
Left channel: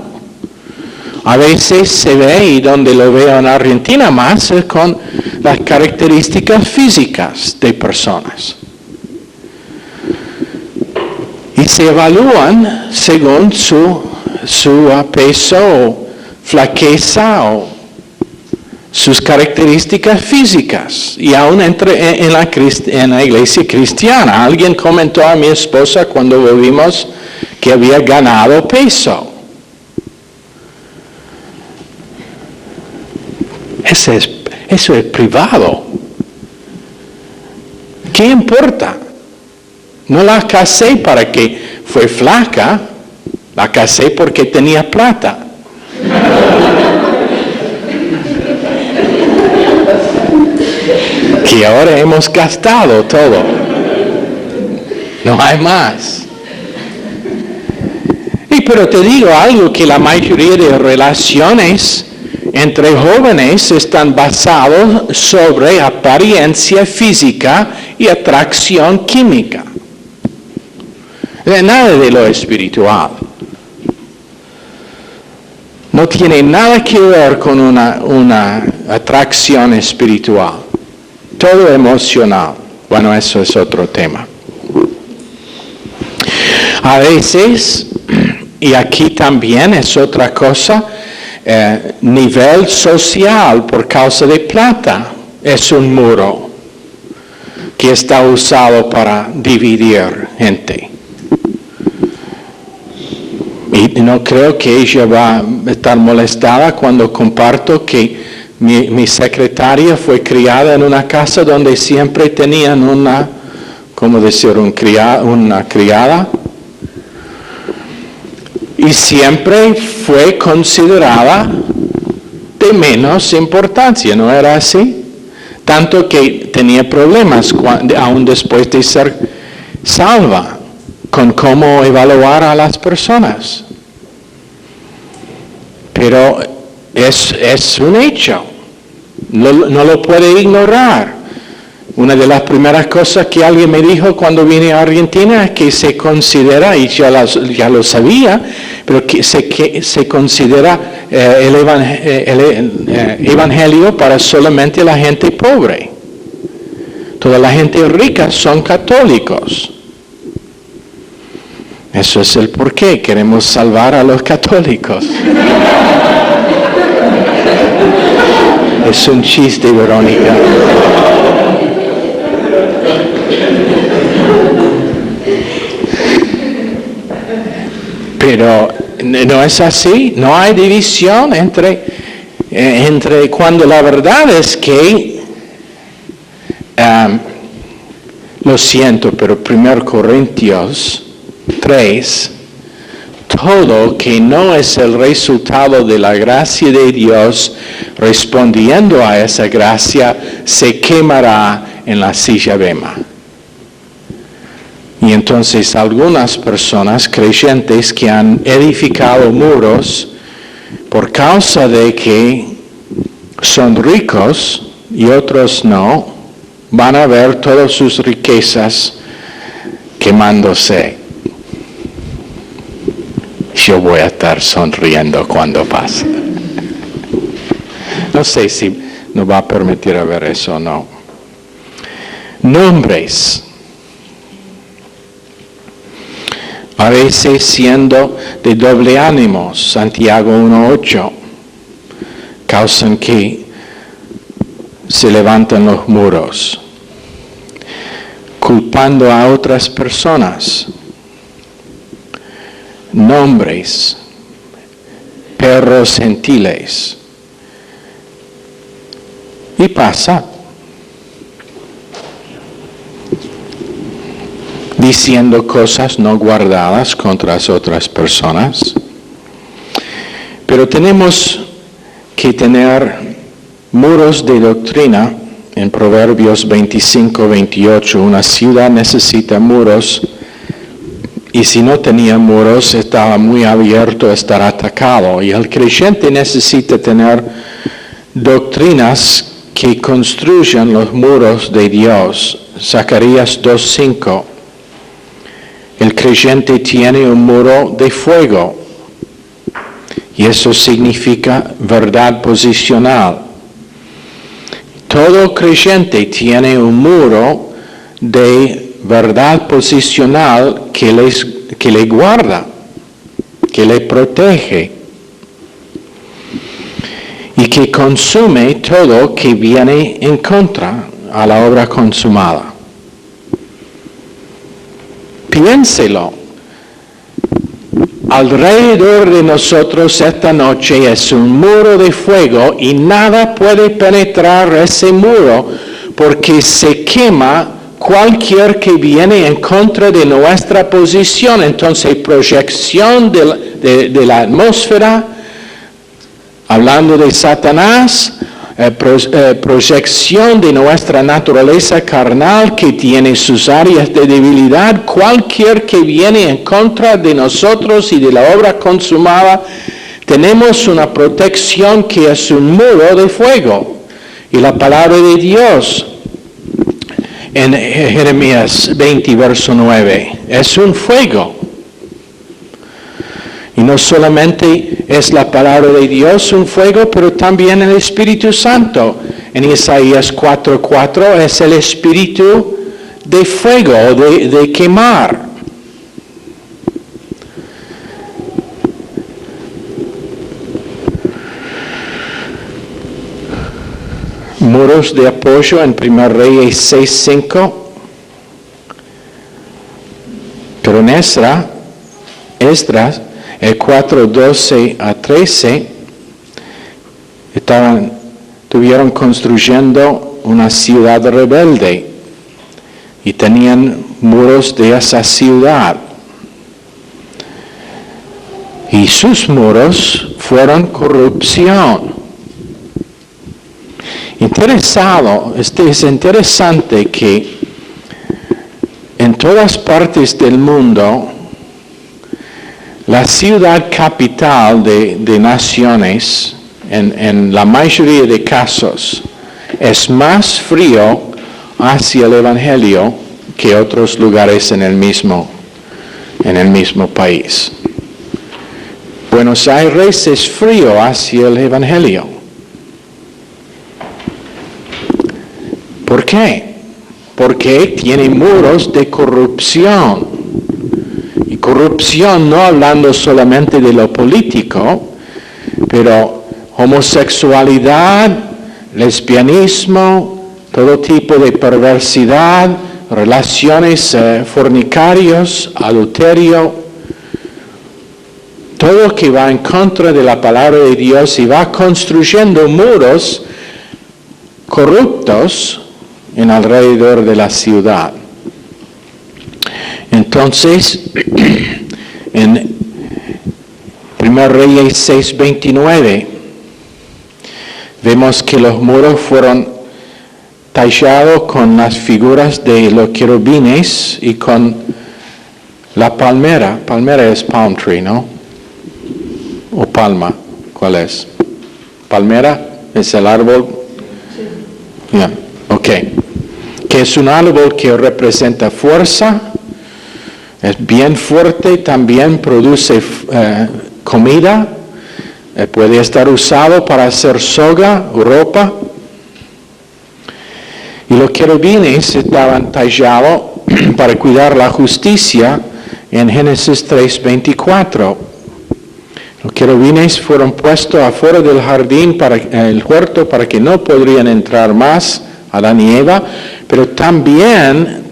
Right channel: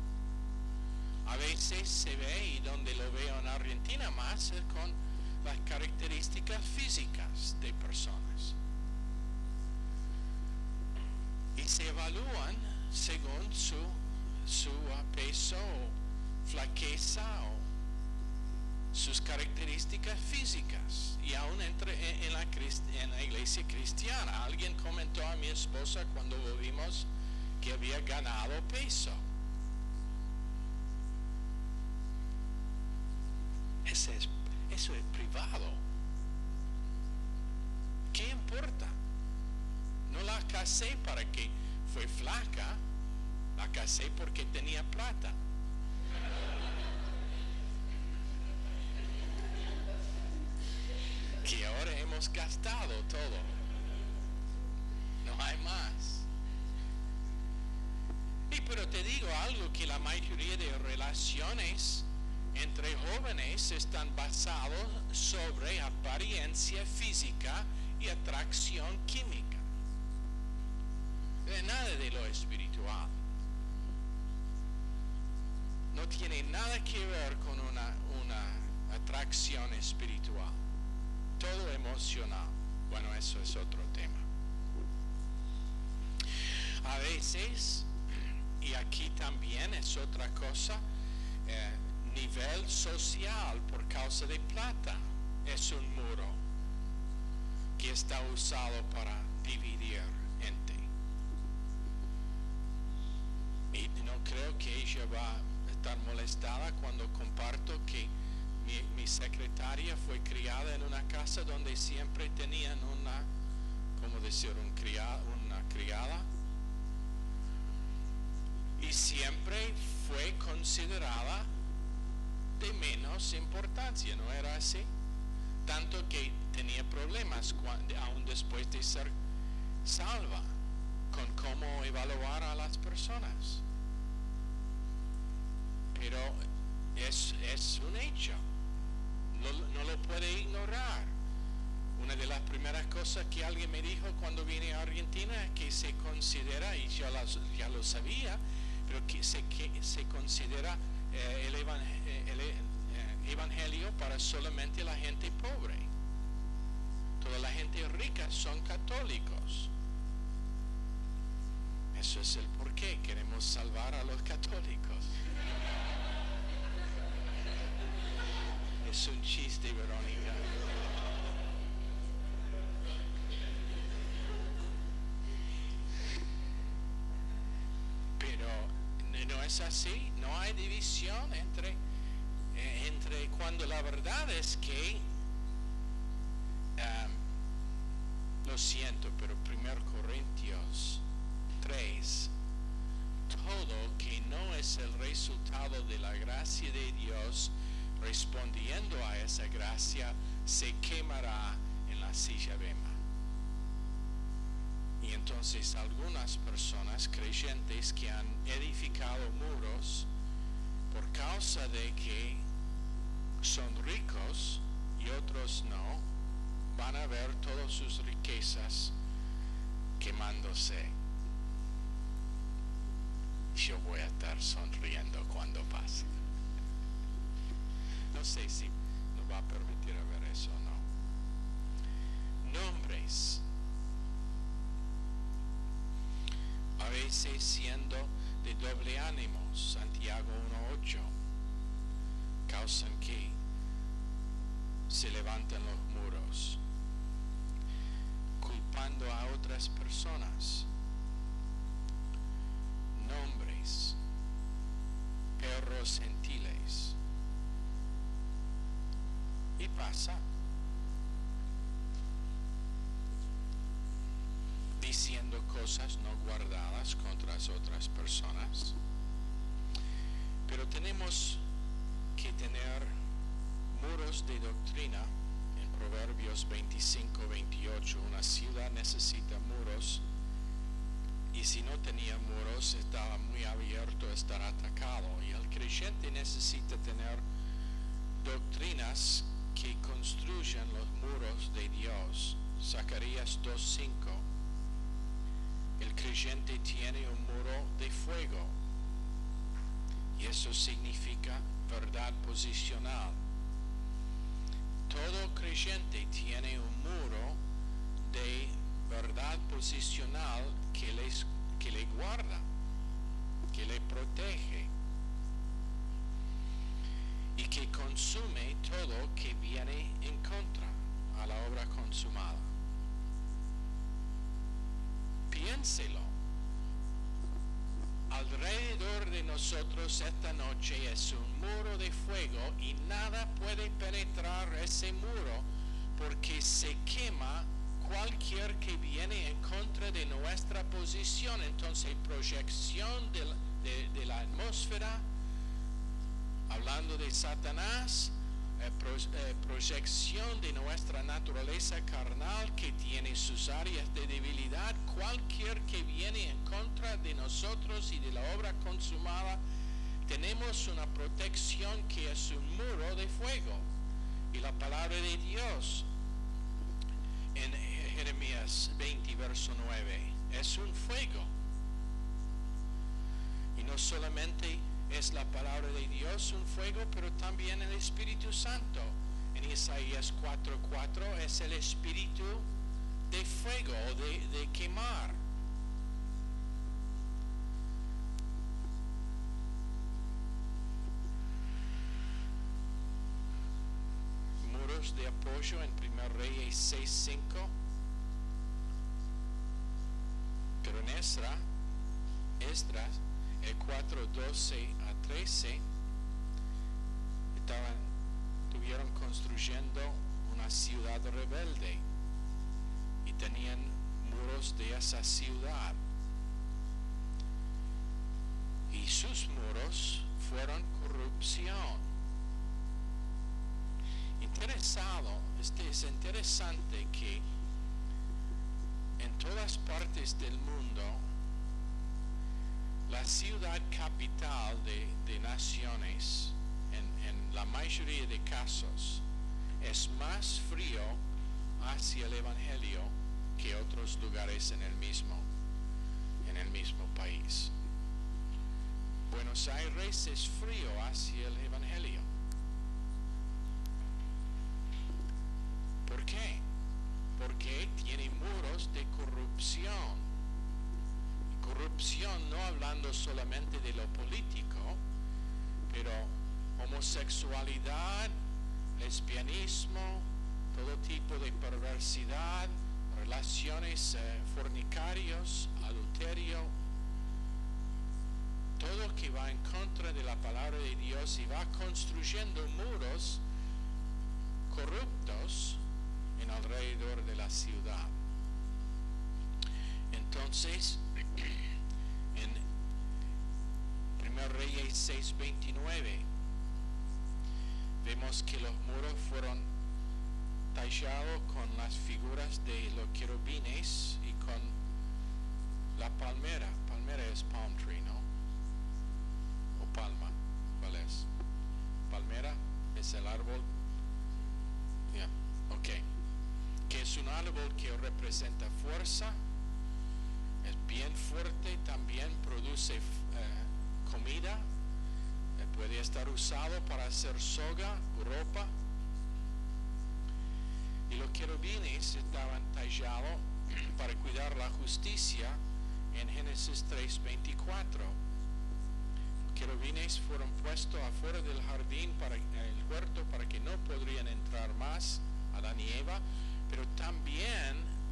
A veces se ve, y donde lo veo en Argentina más, es con las características físicas de personas. Y se evalúan según su peso o flaqueza o sus características físicas. Y aún en la iglesia cristiana, alguien comentó a mi esposa cuando volvimos que había ganado peso. Eso es privado. ¿Qué importa? No la casé para que fue flaca, la casé porque tenía plata. Que ahora hemos gastado todo. No hay más. Pero te digo algo, que la mayoría de relaciones entre jóvenes están basados sobre apariencia física y atracción química. Nada de lo espiritual. no tiene nada que ver con una atracción espiritual. Todo emocional. Bueno, eso es otro tema. A veces, y aquí también es otra cosa, nivel social por causa de plata es un muro que está usado para dividir gente. Y no creo que ella va a estar molestada cuando comparto que mi secretaria fue criada en una casa donde siempre tenían una criada. Y siempre fue considerada de menos importancia, ¿no era así? Tanto que tenía problemas aún después de ser salva con cómo evaluar a las personas. Pero es un hecho, no lo puede ignorar. Una de las primeras cosas que alguien me dijo cuando vine a Argentina es que se considera, y ya lo sabía, pero que se considera el evangelio para solamente la gente pobre. Toda la gente rica son católicos. Eso es el porqué, queremos salvar a los católicos. Es un chiste, Verónica. Pero no es así, no hay división entre cuando la verdad es que, lo siento, pero 1 Corintios 3, todo que no es el resultado de la gracia de Dios respondiendo a esa gracia se quemará en la silla bema. Y entonces algunas personas creyentes que han edificado muros por causa de que son ricos y otros no, van a ver todas sus riquezas quemándose. Yo voy a estar sonriendo cuando pase. No sé si nos va a permitir ver eso o no. Nombres. A veces siendo de doble ánimo, Santiago 1:8, causan que se levantan los muros, culpando a otras personas. Nombres, perros gentiles. Y pasa. Diciendo cosas no guardadas contra las otras personas. Pero tenemos que tener muros de doctrina. En Proverbios 25-28, una ciudad necesita muros, y si no tenía muros, estaba muy abierto a estar atacado. Y el creyente necesita tener doctrinas que construyan los muros de Dios. Zacarías 2:5. El creyente tiene un muro de fuego, y eso significa verdad posicional. Todo creyente tiene un muro de verdad posicional que le guarda, que le protege, y que consume todo que viene en contra a la obra consumada. Piénselo. Alrededor de nosotros esta noche es un muro de fuego y nada puede penetrar ese muro porque se quema cualquier que viene en contra de nuestra posición. Entonces, proyección de la atmósfera, hablando de Satanás, proyección de nuestra naturaleza carnal que tiene sus áreas de debilidad, cualquier que viene en contra de nosotros y de la obra consumada, tenemos una protección que es un muro de fuego. Y la palabra de Dios en Jeremías 20, verso 9, es un fuego. Y no solamente es la palabra de Dios un fuego, pero también el Espíritu Santo. En Isaías 4:4 es el espíritu de fuego, de quemar. Muros de apoyo en 1 Reyes 6:5. Pero en Esdras, el 4:12 a 13, estuvieron construyendo una ciudad rebelde y tenían muros de esa ciudad. Y sus muros fueron corrupción. Es interesante que en todas partes del mundo, la ciudad capital de naciones, en la mayoría de casos, es más frío hacia el Evangelio que otros lugares en el mismo país. Buenos Aires es frío hacia el Evangelio. ¿Por qué? Porque tiene muros de corrupción. Y corrupción no hablando solamente de lo político, pero homosexualidad, lesbianismo, todo tipo de perversidad, relaciones fornicarios, adulterio, todo que va en contra de la palabra de Dios y va construyendo muros corruptos en alrededor de la ciudad. Entonces, en 1 Reyes 6:29, vemos que los muros fueron tallados con las figuras de los querubines y con la palmera. Palmera es palm tree, ¿no? ¿O palma? ¿Cuál es? ¿Palmera es el árbol? Yeah. Ok. Que es un árbol que representa fuerza, es bien fuerte, también produce comida, puede estar usado para hacer soga, ropa. Y los querubines estaban tallados para cuidar la justicia en Génesis 3:24. Los querubines fueron puestos afuera del jardín, el huerto, para que no podrían entrar más Adán y Eva, pero también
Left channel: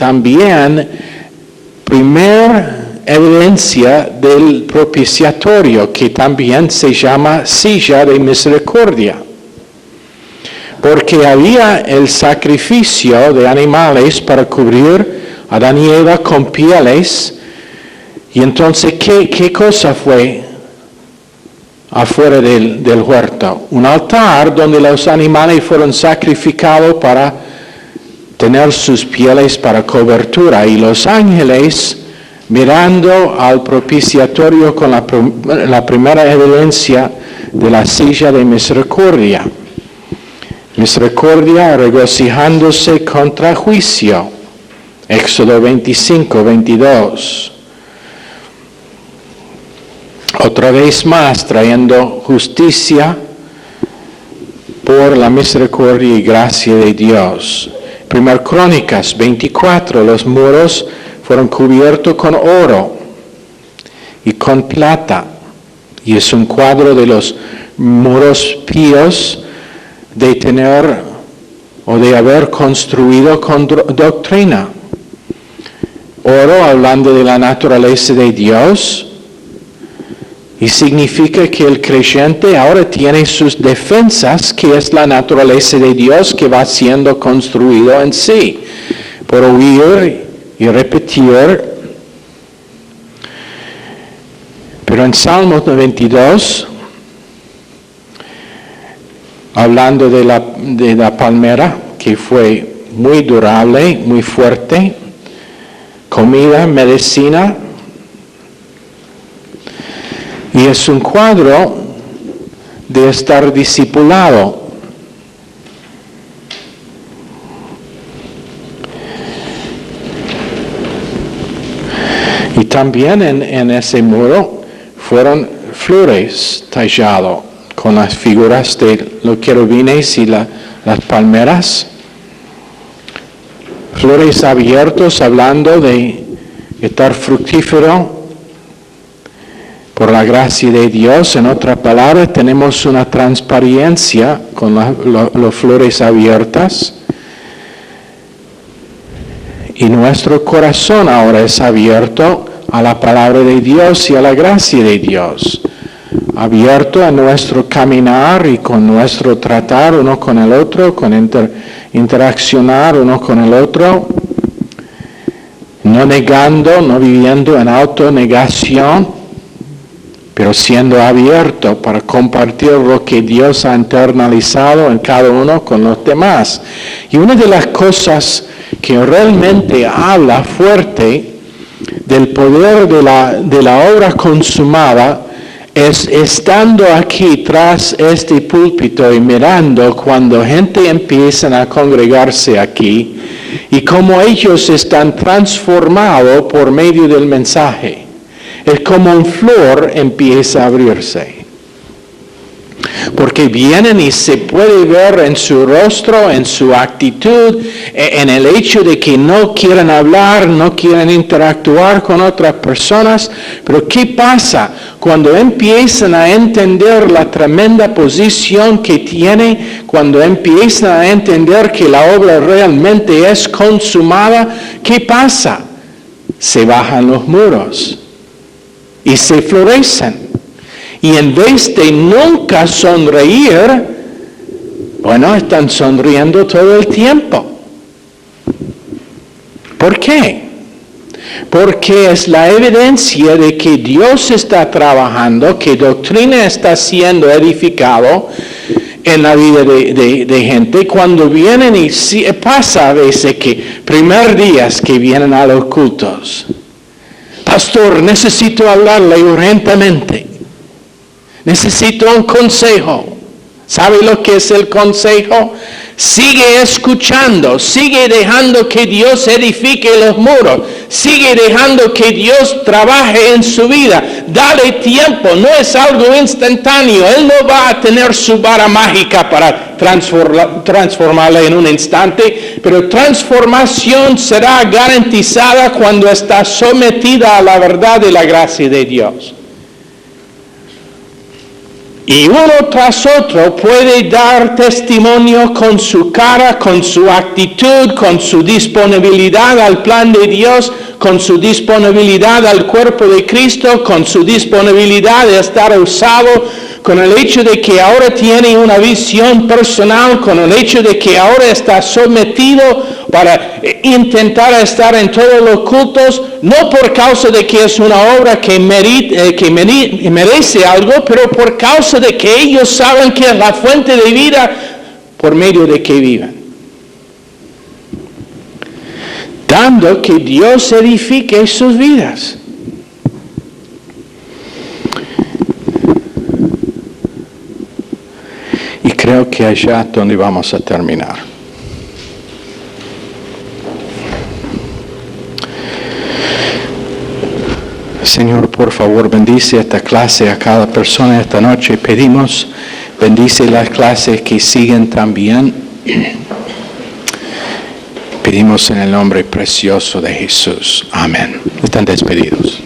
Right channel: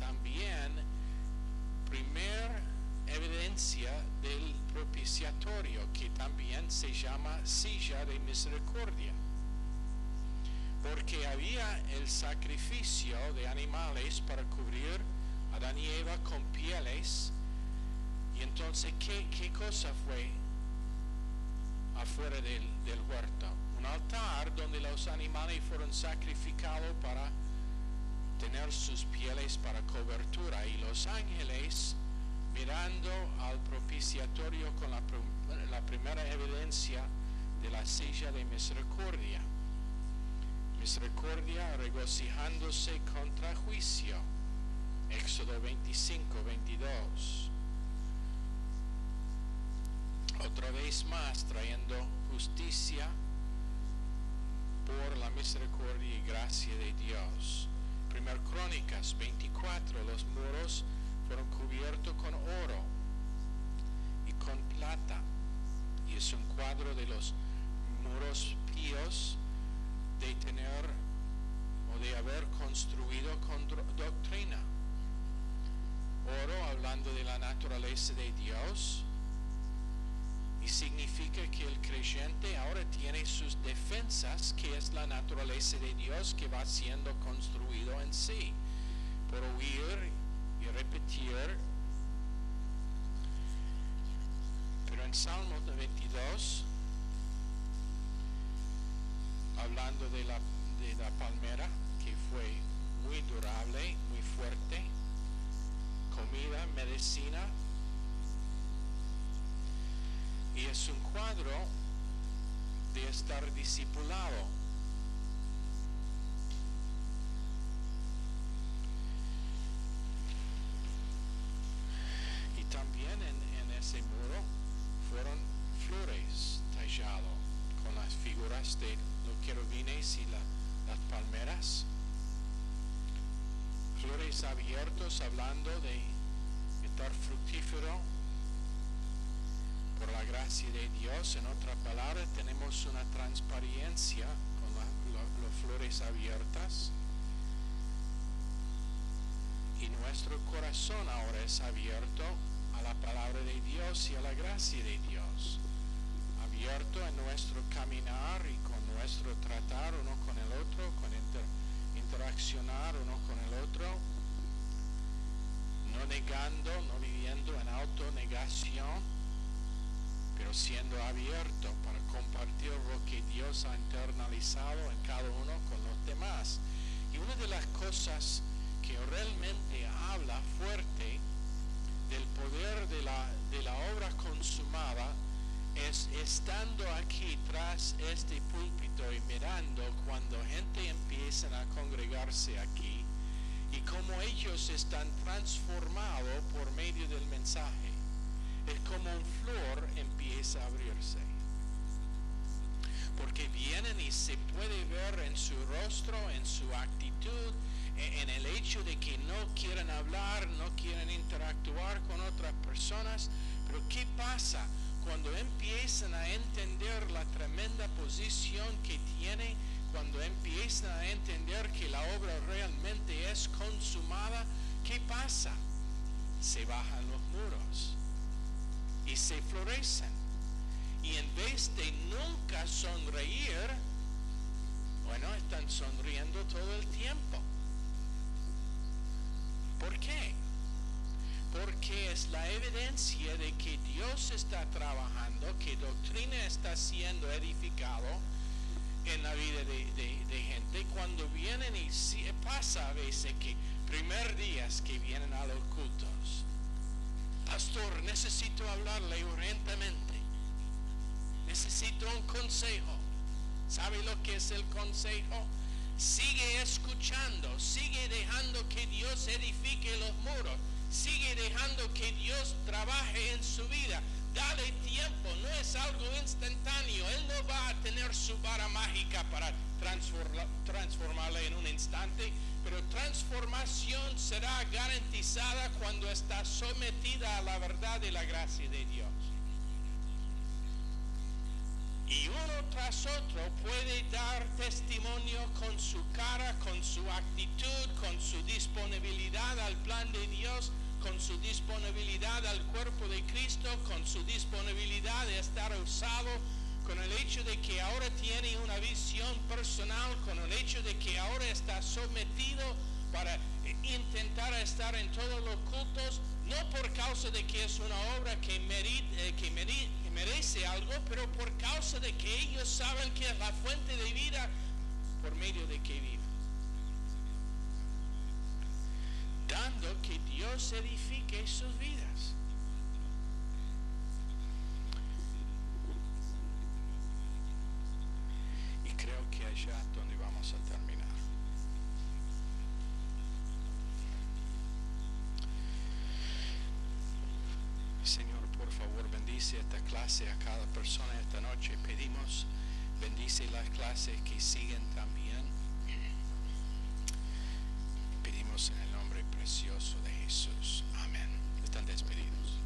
primera evidencia del propiciatorio, que también se llama silla de misericordia, porque había el sacrificio de animales para cubrir a Adán y Eva con pieles. Y entonces, ¿qué cosa fue afuera del huerto? Un altar donde los animales fueron sacrificados para tener sus pieles para cobertura, y los ángeles mirando al propiciatorio con la primera evidencia de la silla de misericordia. Misericordia regocijándose contra juicio. Éxodo 25:22. Otra vez más trayendo justicia por la misericordia y gracia de Dios. 1 Crónicas 24, los muros fueron cubiertos con oro y con plata. Y es un cuadro de los muros píos de tener o de haber construido con doctrina. Oro hablando de la naturaleza de Dios, y significa que el creyente ahora tiene sus defensas, que es la naturaleza de Dios que va siendo construido en sí, por oír y repetir. Pero en Salmos 92, hablando de la palmera, que fue muy durable, muy fuerte, comida, medicina, y es un cuadro de estar discipulado. Y también en ese muro fueron flores tallado con las figuras de los querubines y las palmeras. Flores abiertos hablando de estar fructífero por la gracia de Dios. En otras palabras, tenemos una transparencia con las flores abiertas. Y nuestro corazón ahora es abierto a la palabra de Dios y a la gracia de Dios. Abierto a nuestro caminar y con nuestro tratar uno con el otro, con interaccionar uno con el otro. No negando, no viviendo en autonegación, pero siendo abierto para compartir lo que Dios ha internalizado en cada uno con los demás. Y una de las cosas que realmente habla fuerte del poder de la obra consumada es estando aquí tras este púlpito y mirando cuando gente empieza a congregarse aquí y cómo ellos están transformados por medio del mensaje. Es como una flor empieza a abrirse. Porque vienen y se puede ver en su rostro, en su actitud, en el hecho de que no quieren hablar, no quieren interactuar con otras personas. Pero ¿qué pasa cuando empiezan a entender la tremenda posición que tiene, cuando empiezan a entender que la obra realmente es consumada? ¿Qué pasa? Se bajan los muros y se florecen. Y en vez de nunca sonreír, bueno, están sonriendo todo el tiempo. ¿Por qué? Porque es la evidencia de que Dios está trabajando, que doctrina está siendo edificado en la vida de gente. Cuando vienen y pasa a veces que primer días que vienen a los cultos, pastor, necesito hablarle urgentemente. Necesito un consejo. ¿Sabe lo que es el consejo? Sigue escuchando, sigue dejando que Dios edifique los muros, sigue dejando que Dios trabaje en su vida. Dale tiempo, no es algo instantáneo. Él no va a tener su vara mágica para transformarla en un instante, pero transformación será garantizada cuando está sometida a la verdad y la gracia de Dios. Y uno tras otro puede dar testimonio con su cara, con su actitud, con su disponibilidad al plan de Dios, con su disponibilidad al cuerpo de Cristo, con su disponibilidad de estar usado, con el hecho de que ahora tiene una visión personal, con el hecho de que ahora está sometido para intentar estar en todos los cultos, no por causa de que es una obra que merece algo, pero por causa de que ellos saben que es la fuente de vida por medio de que viven. Dando que Dios edifique sus vidas. Y creo que allá es donde vamos a terminar. Señor, por favor, bendice esta clase a cada persona esta noche. Pedimos, bendice las clases que siguen también. Pedimos en el nombre precioso de Jesús. Amén. Están despedidos.